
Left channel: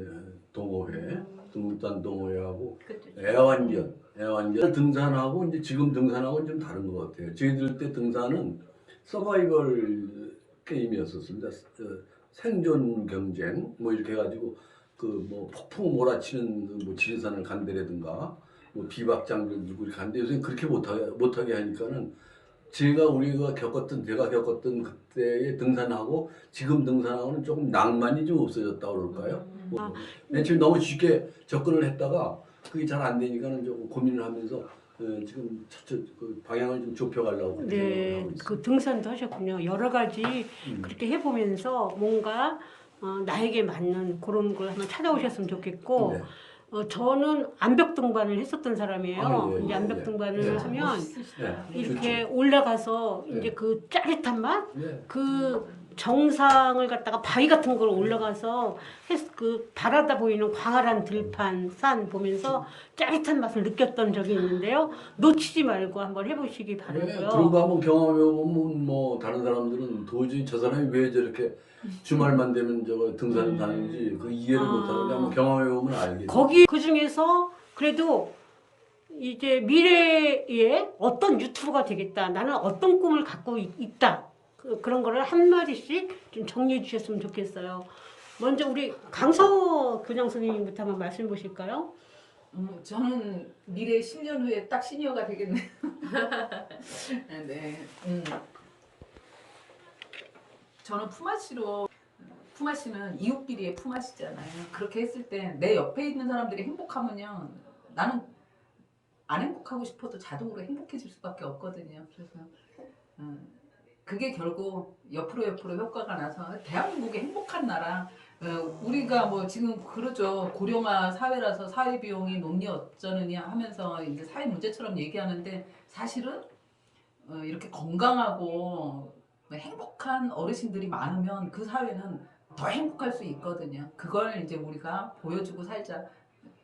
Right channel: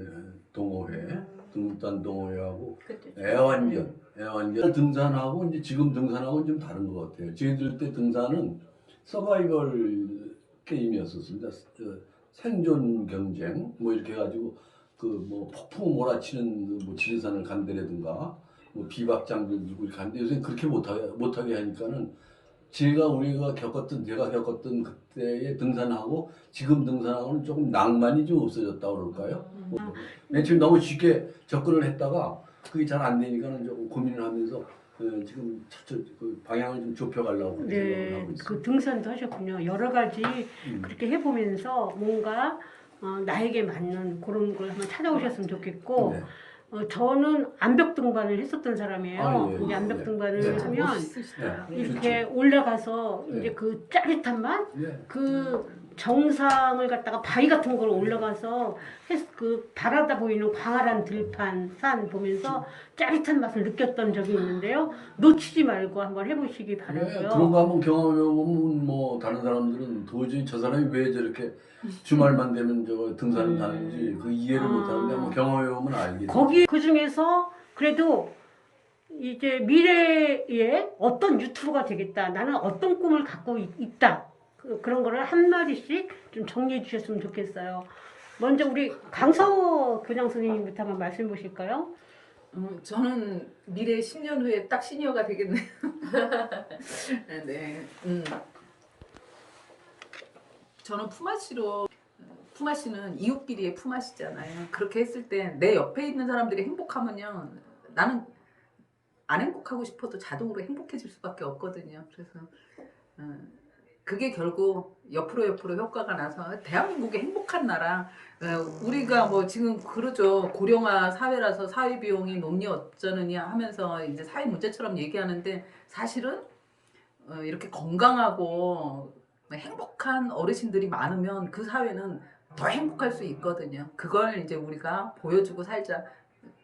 동호회하고 애완견 등산하고 이제 지금 등산하고 좀 다른 것 같아요. 저희들 때 등산은 서바이벌 게임이었었습니다. 생존 경쟁 뭐 이렇게 해가지고 그 뭐 폭풍 몰아치는 뭐 지리산을 간다라든가 뭐 비박장들 들고 이렇게 하는데 요새 그렇게 못하게 하니까는 내가 겪었던 그때의 등산하고 지금 등산하고는 조금 낭만이 좀 없어졌다 그럴까요? 맨 처음에 너무 쉽게 접근을 했다가 그게 잘 안 되니까는 조금 고민을 하면서 지금 그 방향을 좀 좁혀가려고 생각을 네, 하고 있습니다. 그 등산도 하셨군요. 여러 가지 그렇게 해보면서 뭔가 나에게 맞는 그런 걸 한번 찾아오셨으면 좋겠고 네. 저는 암벽 등반을 했었던 사람이에요. 예, 이제 예, 암벽 예. 등반을 네. 하면 네. 이렇게 올라가서 이제 네. 그 짜릿한 맛, 네. 그 정상을 갖다가 바위 같은 걸 올라가서 그 바라다 보이는 광활한 들판 산 보면서 짜릿한 맛을 느꼈던 적이 있는데요. 놓치지 말고 한번 해보시기 바라고요. 그런 거 한번 경험해 보면 뭐 다른 사람들은 도저히 저 사람이 왜 저렇게 주말만 되면 저거 등산을 다니는지 그 이해를 못하는데 한번 경험해 보면 알겠죠. 거기 그 중에서 그래도 이제 미래에 어떤 유튜버가 되겠다. 나는 어떤 꿈을 갖고 있다. 그런 거를 한 마디씩 좀 정리해 주셨으면 좋겠어요. 먼저 우리 강서 교장 선생님부터 한번 말씀 보실까요? 저는 미래 10년 후에 딱 시니어가 되겠네요. 네. 저는 품앗이는 이웃끼리의 품앗이잖아요. 그렇게 했을 때 내 옆에 있는 사람들이 행복하면요, 나는 안 행복하고 싶어도 자동으로 행복해질 수밖에 없거든요. 그래서 그게 결국 옆으로 효과가 나서 대한민국의 행복한 나라. 우리가 뭐 지금 그러죠. 고령화 사회라서 사회 비용이 높니 어쩌느냐 하면서 이제 사회 문제처럼 얘기하는데, 사실은 이렇게 건강하고 행복한 어르신들이 많으면 그 사회는 더 행복할 수 있거든요. 그걸 이제 우리가 보여주고 살자.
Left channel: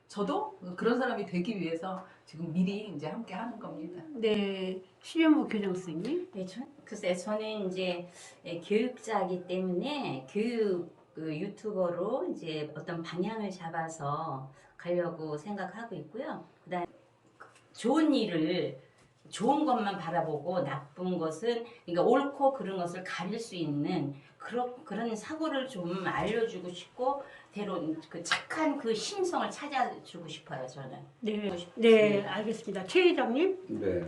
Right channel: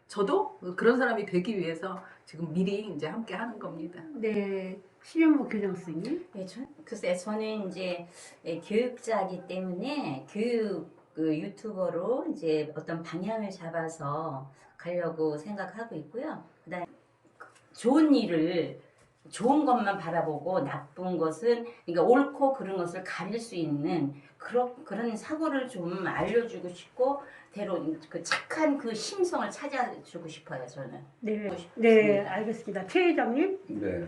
저도 그런 사람이 되기 위해서 지금 미리 이제 함께 하는 겁니다. 네, 신현무 교장 선생님. 네, 글쎄 저는 이제 교육자이기 때문에 교육 유튜버로 이제 어떤 방향을 잡아서 가려고 생각하고 있고요. 그다음 좋은 일을 좋은 것만 바라보고 나쁜 것은, 그러니까 옳고 그른 것을 가릴 수 있는 그런 사고를 좀 알려주고 싶고, 대로 그 착한 그 심성을 찾아주고 싶어요. 저는. 네, 알겠습니다. 최 회장님. 네.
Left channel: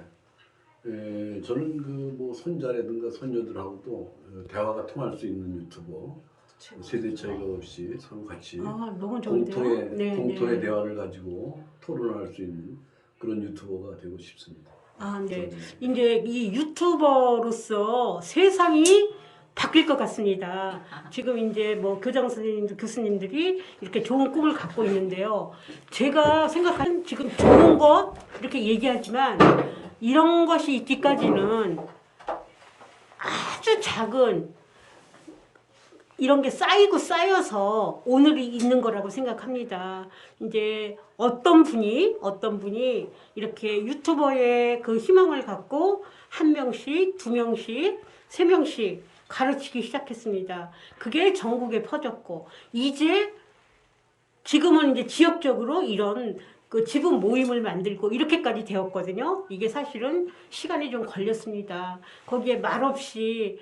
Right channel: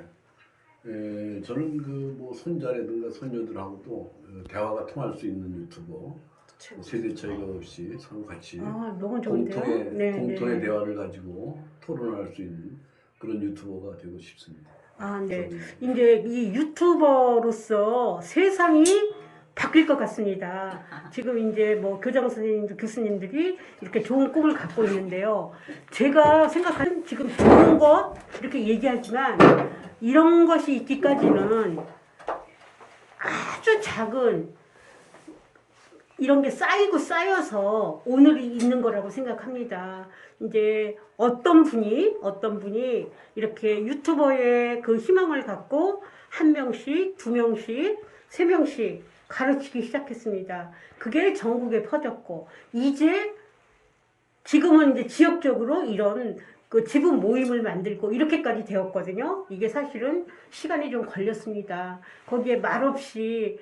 저는 그 뭐 손자라든가 손녀들하고도 대화가 통할 수 있는 유튜버, 세대 차이가 없이 서로 같이 너무 좋은데요. 공통의 대화를 가지고 토론할 수 있는 그런 유튜버가 되고 싶습니다. 네. 이제 이 유튜버로서 세상이 바뀔 것 같습니다. 지금 이제 뭐 교장 선생님들, 교수님들이 이렇게 좋은 꿈을 갖고 있는데요. 제가 생각하는 지금 좋은 것 이렇게 얘기하지만 이런 것이 있기까지는 아주 작은 이런 게 쌓여서 오늘이 있는 거라고 생각합니다. 이제 어떤 분이 이렇게 유튜버의 그 희망을 갖고 한 명씩, 두 명씩, 세 명씩 가르치기 시작했습니다. 그게 전국에 퍼졌고, 지금은 이제 지역적으로 이런 그 지분 모임을 만들고 이렇게까지 되었거든요. 이게 사실은 시간이 좀 걸렸습니다. 거기에 말없이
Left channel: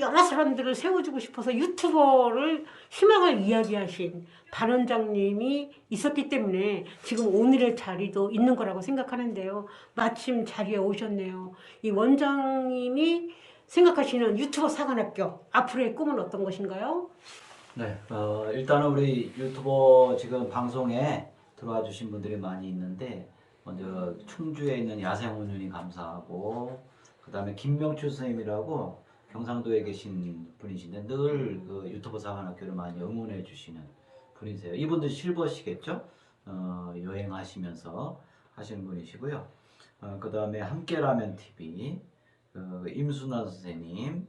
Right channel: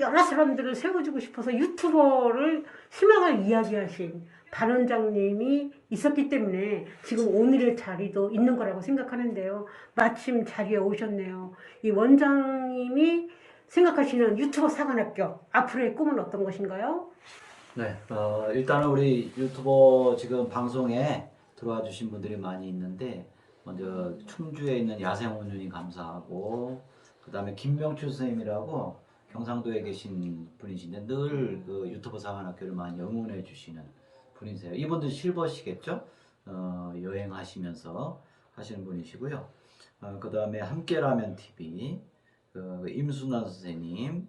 여러 사람들을 세워주고 싶어서 유튜버를 희망을 이야기하신 반 원장님이 있었기 때문에 지금 오늘의 자리도 있는 거라고 생각하는데요. 마침 자리에 오셨네요. 이 원장님이 생각하시는 유튜버 사관학교 앞으로의 꿈은 어떤 것인가요? 네, 일단은 우리 유튜버 지금 방송에 들어와 주신 분들이 많이 있는데, 먼저 충주에 있는 야생원윤이 감사하고, 그 다음에 김명추 선생님이라고 경상도에 계신 분이신데 늘 그 유튜버 사관학교를 많이 응원해 주시는 분이세요. 이분들 실버시겠죠? 여행하시면서 하시는 분이시고요. 그 다음에 함께라면 TV, 임순환 선생님,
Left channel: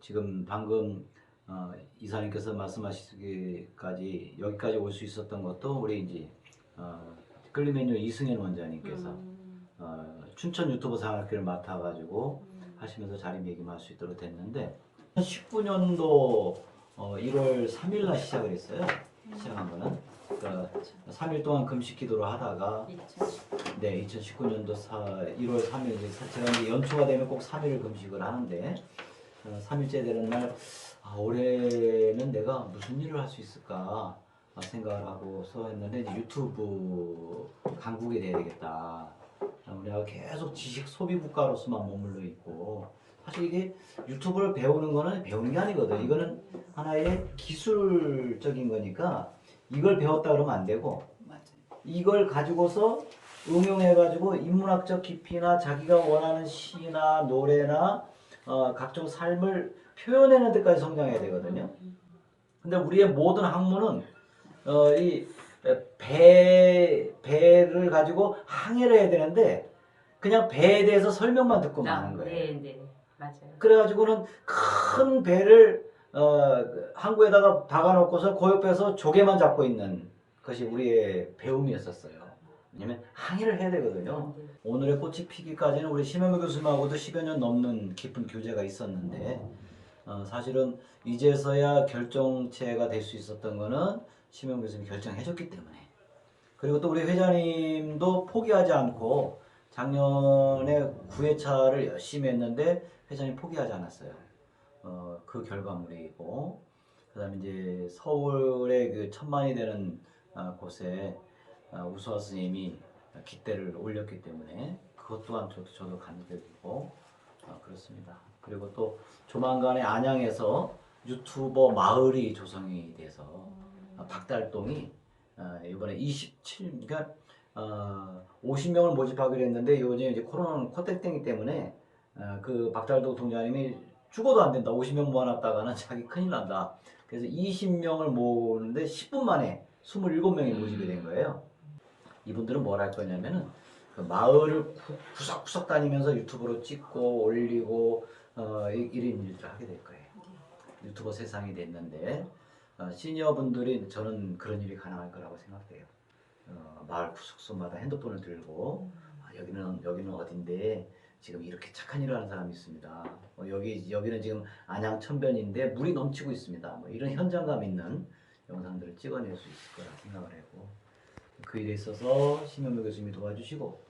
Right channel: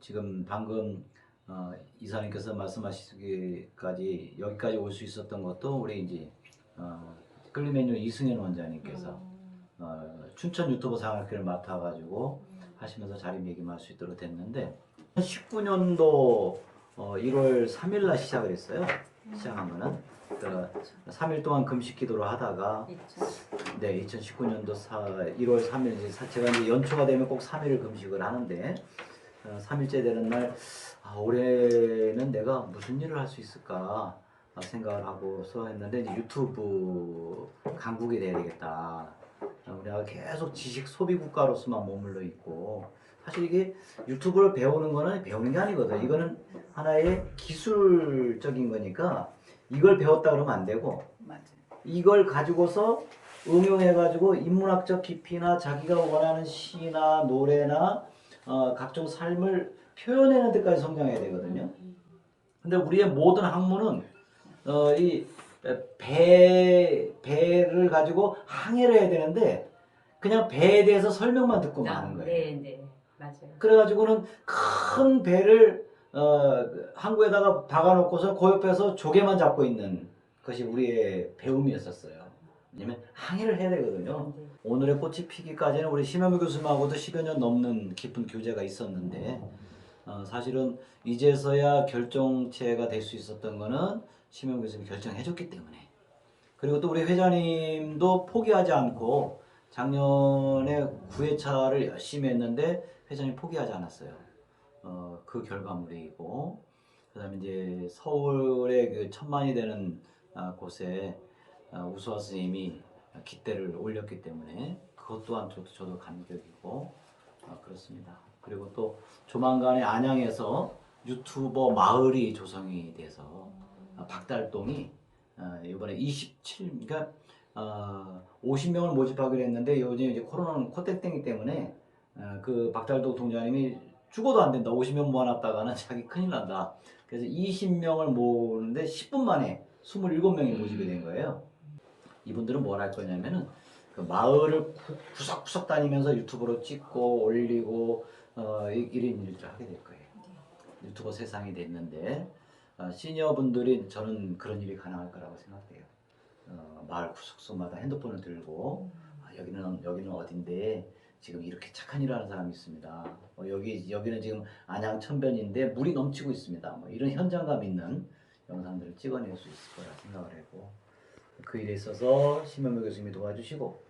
지금 방금 이사님께서 말씀하시기까지 여기까지 올 수 있었던 것도 우리 이제 끌리메뉴 이승현 원장님께서 춘천 유튜버 상학교를 맡아가지고 하시면서 자리매김할 수 있도록 됐는데, 19년도 1월 3일날 시작을 했어요. 시작한 거는 3일 동안 금식 기도를 하다가 2019년도 1월 3일 제가 이제 연초가 되면 꼭 3일을 금식을 하는데, 3일째 되는 날 올해는 내가 무슨 일을 할 수 있을까 생각을 하고서 했는데, 이제 유튜브 강국이 돼야 되겠다. 우리가 계속 지식 소비 국가로서만 머물러 있고, 사실 이게 유튜브를 배우는 거는 배우는 게 아니거든. 이거는 하나의 기술적인 거니까 이걸 배웠다 그러면 안 되고, 맞아요. 이걸 가지고서 응용해가지고 인문학적 깊이나 자기가 원하는 시나 노래나 각종 삶을 표현하는 데까지 성장해야 되거든요. 근데 우리의 모든 학문은 이 배를 가지고 항해를 해야 되는데, 그냥 배에 대해서 설명만 듣고 마는 거예요. 네, 네, 맞아요. 그래가지고는 큰 배를 항구에다가 박아놓고서 그 옆에서 조개만 잡고 있는 것이 우리의 배움이었었어요. 왜냐면 항해를 해야 되거든요. 네. 오늘의 꽃이 피기까지는 우리 심현무 교수님하고도 10여 년 넘는 깊은 교제가 있었는데 사실은 이제서야 결정체가 될 수 있었던 거는 심현무 교수님이 결정해줬기 때문에, 그리고 또 우리 회장님도 포기하지 않고 작년에 9회차를 열심히 했는데 회장님 포기하지 않았어요. 그 결과물이고, 그다음에 이제 서울의 그 1000만이 되는 곳에 우수화 스님이 깃대를 올렸기 때문에 그것 또한 저도 감격이고 그렇습니다. 그리고 또 조만간에 안양에서 유튜버 마을이 조성이 돼서 박달동이 이번에 27, 그러니까 50명을 모집하기로 했는데 요즘 이제 코로나는 코땡땡이 때문에 그 박달동 동장님이 죽어도 안 된다. 50명 모아놨다가는 자기 큰일 난다. 그래서 20명을 모으는데 10분 만에 27명이 모집이 된 거예요. 이분들은 뭘 할 거냐면은 그 마을을 구석구석 다니면서 유튜브로 찍고 올리고 일인일조 하게 될 거예요. 유튜버 세상이 됐는데 시니어분들이 저는 그런 일이 가능할 거라고 생각돼요. 마을 구석구석마다 핸드폰을 들고 여기는 어딘데 지금 이렇게 착한 일을 하는 사람이 있습니다. 여기는 지금 안양 천변인데 물이 넘치고 있습니다. 뭐 이런 현장감 있는 영상들을 찍어낼 수 있을 거라 생각을 하고, 그 일에 있어서 심현무 교수님이 도와주시고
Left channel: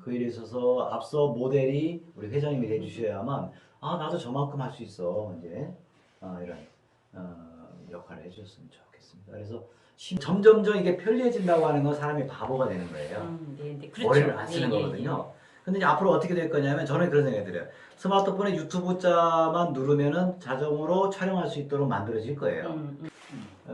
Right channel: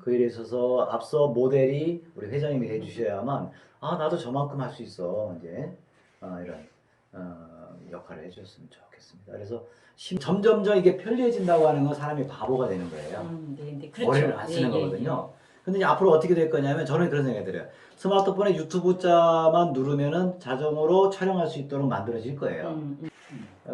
그 일에 있어서 앞서 모델이 우리 회장님이 해주셔야만 나도 저만큼 할 수 있어 이제 이런 역할을 해주셨으면 좋겠습니다. 그래서 점점점 이게 편리해진다고 하는 건 사람이 바보가 되는 거예요. 네, 네, 그렇죠. 머리를 안 쓰는 예, 예, 거거든요. 근데 이제 앞으로 어떻게 될 거냐면 저는 그런 생각이 들어요. 스마트폰에 유튜브 자만 누르면은 자동으로 촬영할 수 있도록 만들어질 거예요.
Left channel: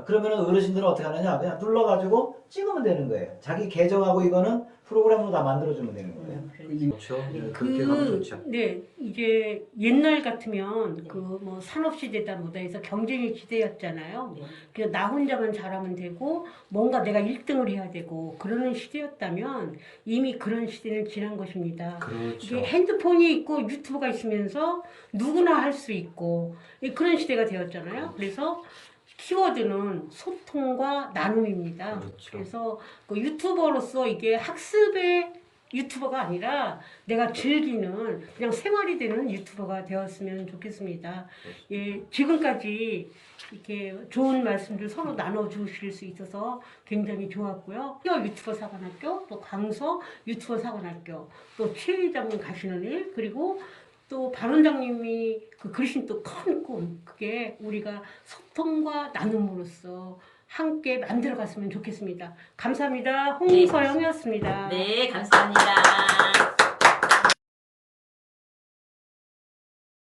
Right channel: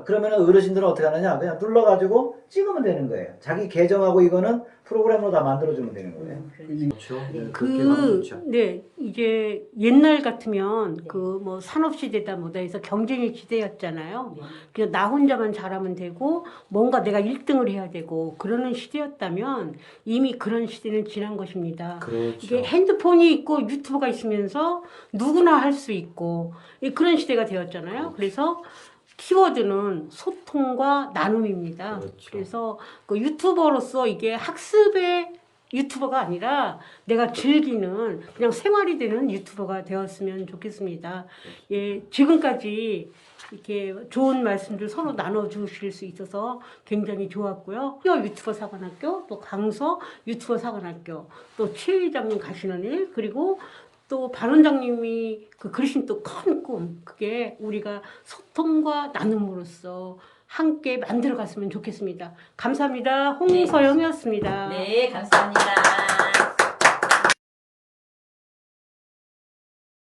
그러면은 어르신들은 어떻게 하느냐? 그냥 눌러가지고 찍으면 되는 거예요. 자기 계정하고 이거는 프로그램으로 다 만들어주면 되는 거예요. 그렇죠. 그렇게 하면 좋죠. 네, 이제 옛날 같으면 네. 그 뭐 산업시대다 뭐다 해서 경쟁의 시대였잖아요. 네. 그냥 나 혼자만 잘하면 되고 뭔가 내가 1등을 해야 되고 그러는 시대였다면 이미 그런 시대는 지난 것입니다. 그렇죠. 이게 핸드폰이 있고 유튜브가 있으면서 누구나 할 수 있고 그런 시대가 되었잖아요. 그래서 키워드는 소통과 나눔입니다. 그렇죠. 그래서 그 유튜버로서 이게 학습의 유튜버가 아니라 내가 즐기는 그냥 생활이 되는 유튜버가 되었으면 좋겠습니다. 예, 지금까지 이렇게 좋은 말씀들 서로 나눠주실 수 있어서 굉장히 좋았고요. 유튜버 사관학교, 또 강서 유튜버 사관학교, 또 최 회장님 가시는 일, 그리고 또 반 원장님이 그리신 또 큰 꿈, 그게 우리가 소통과 나눔으로써 함께 만들어 갔으면 좋겠습니다. 감사합니다. 홍서영이었습니다. 네, 감사합니다.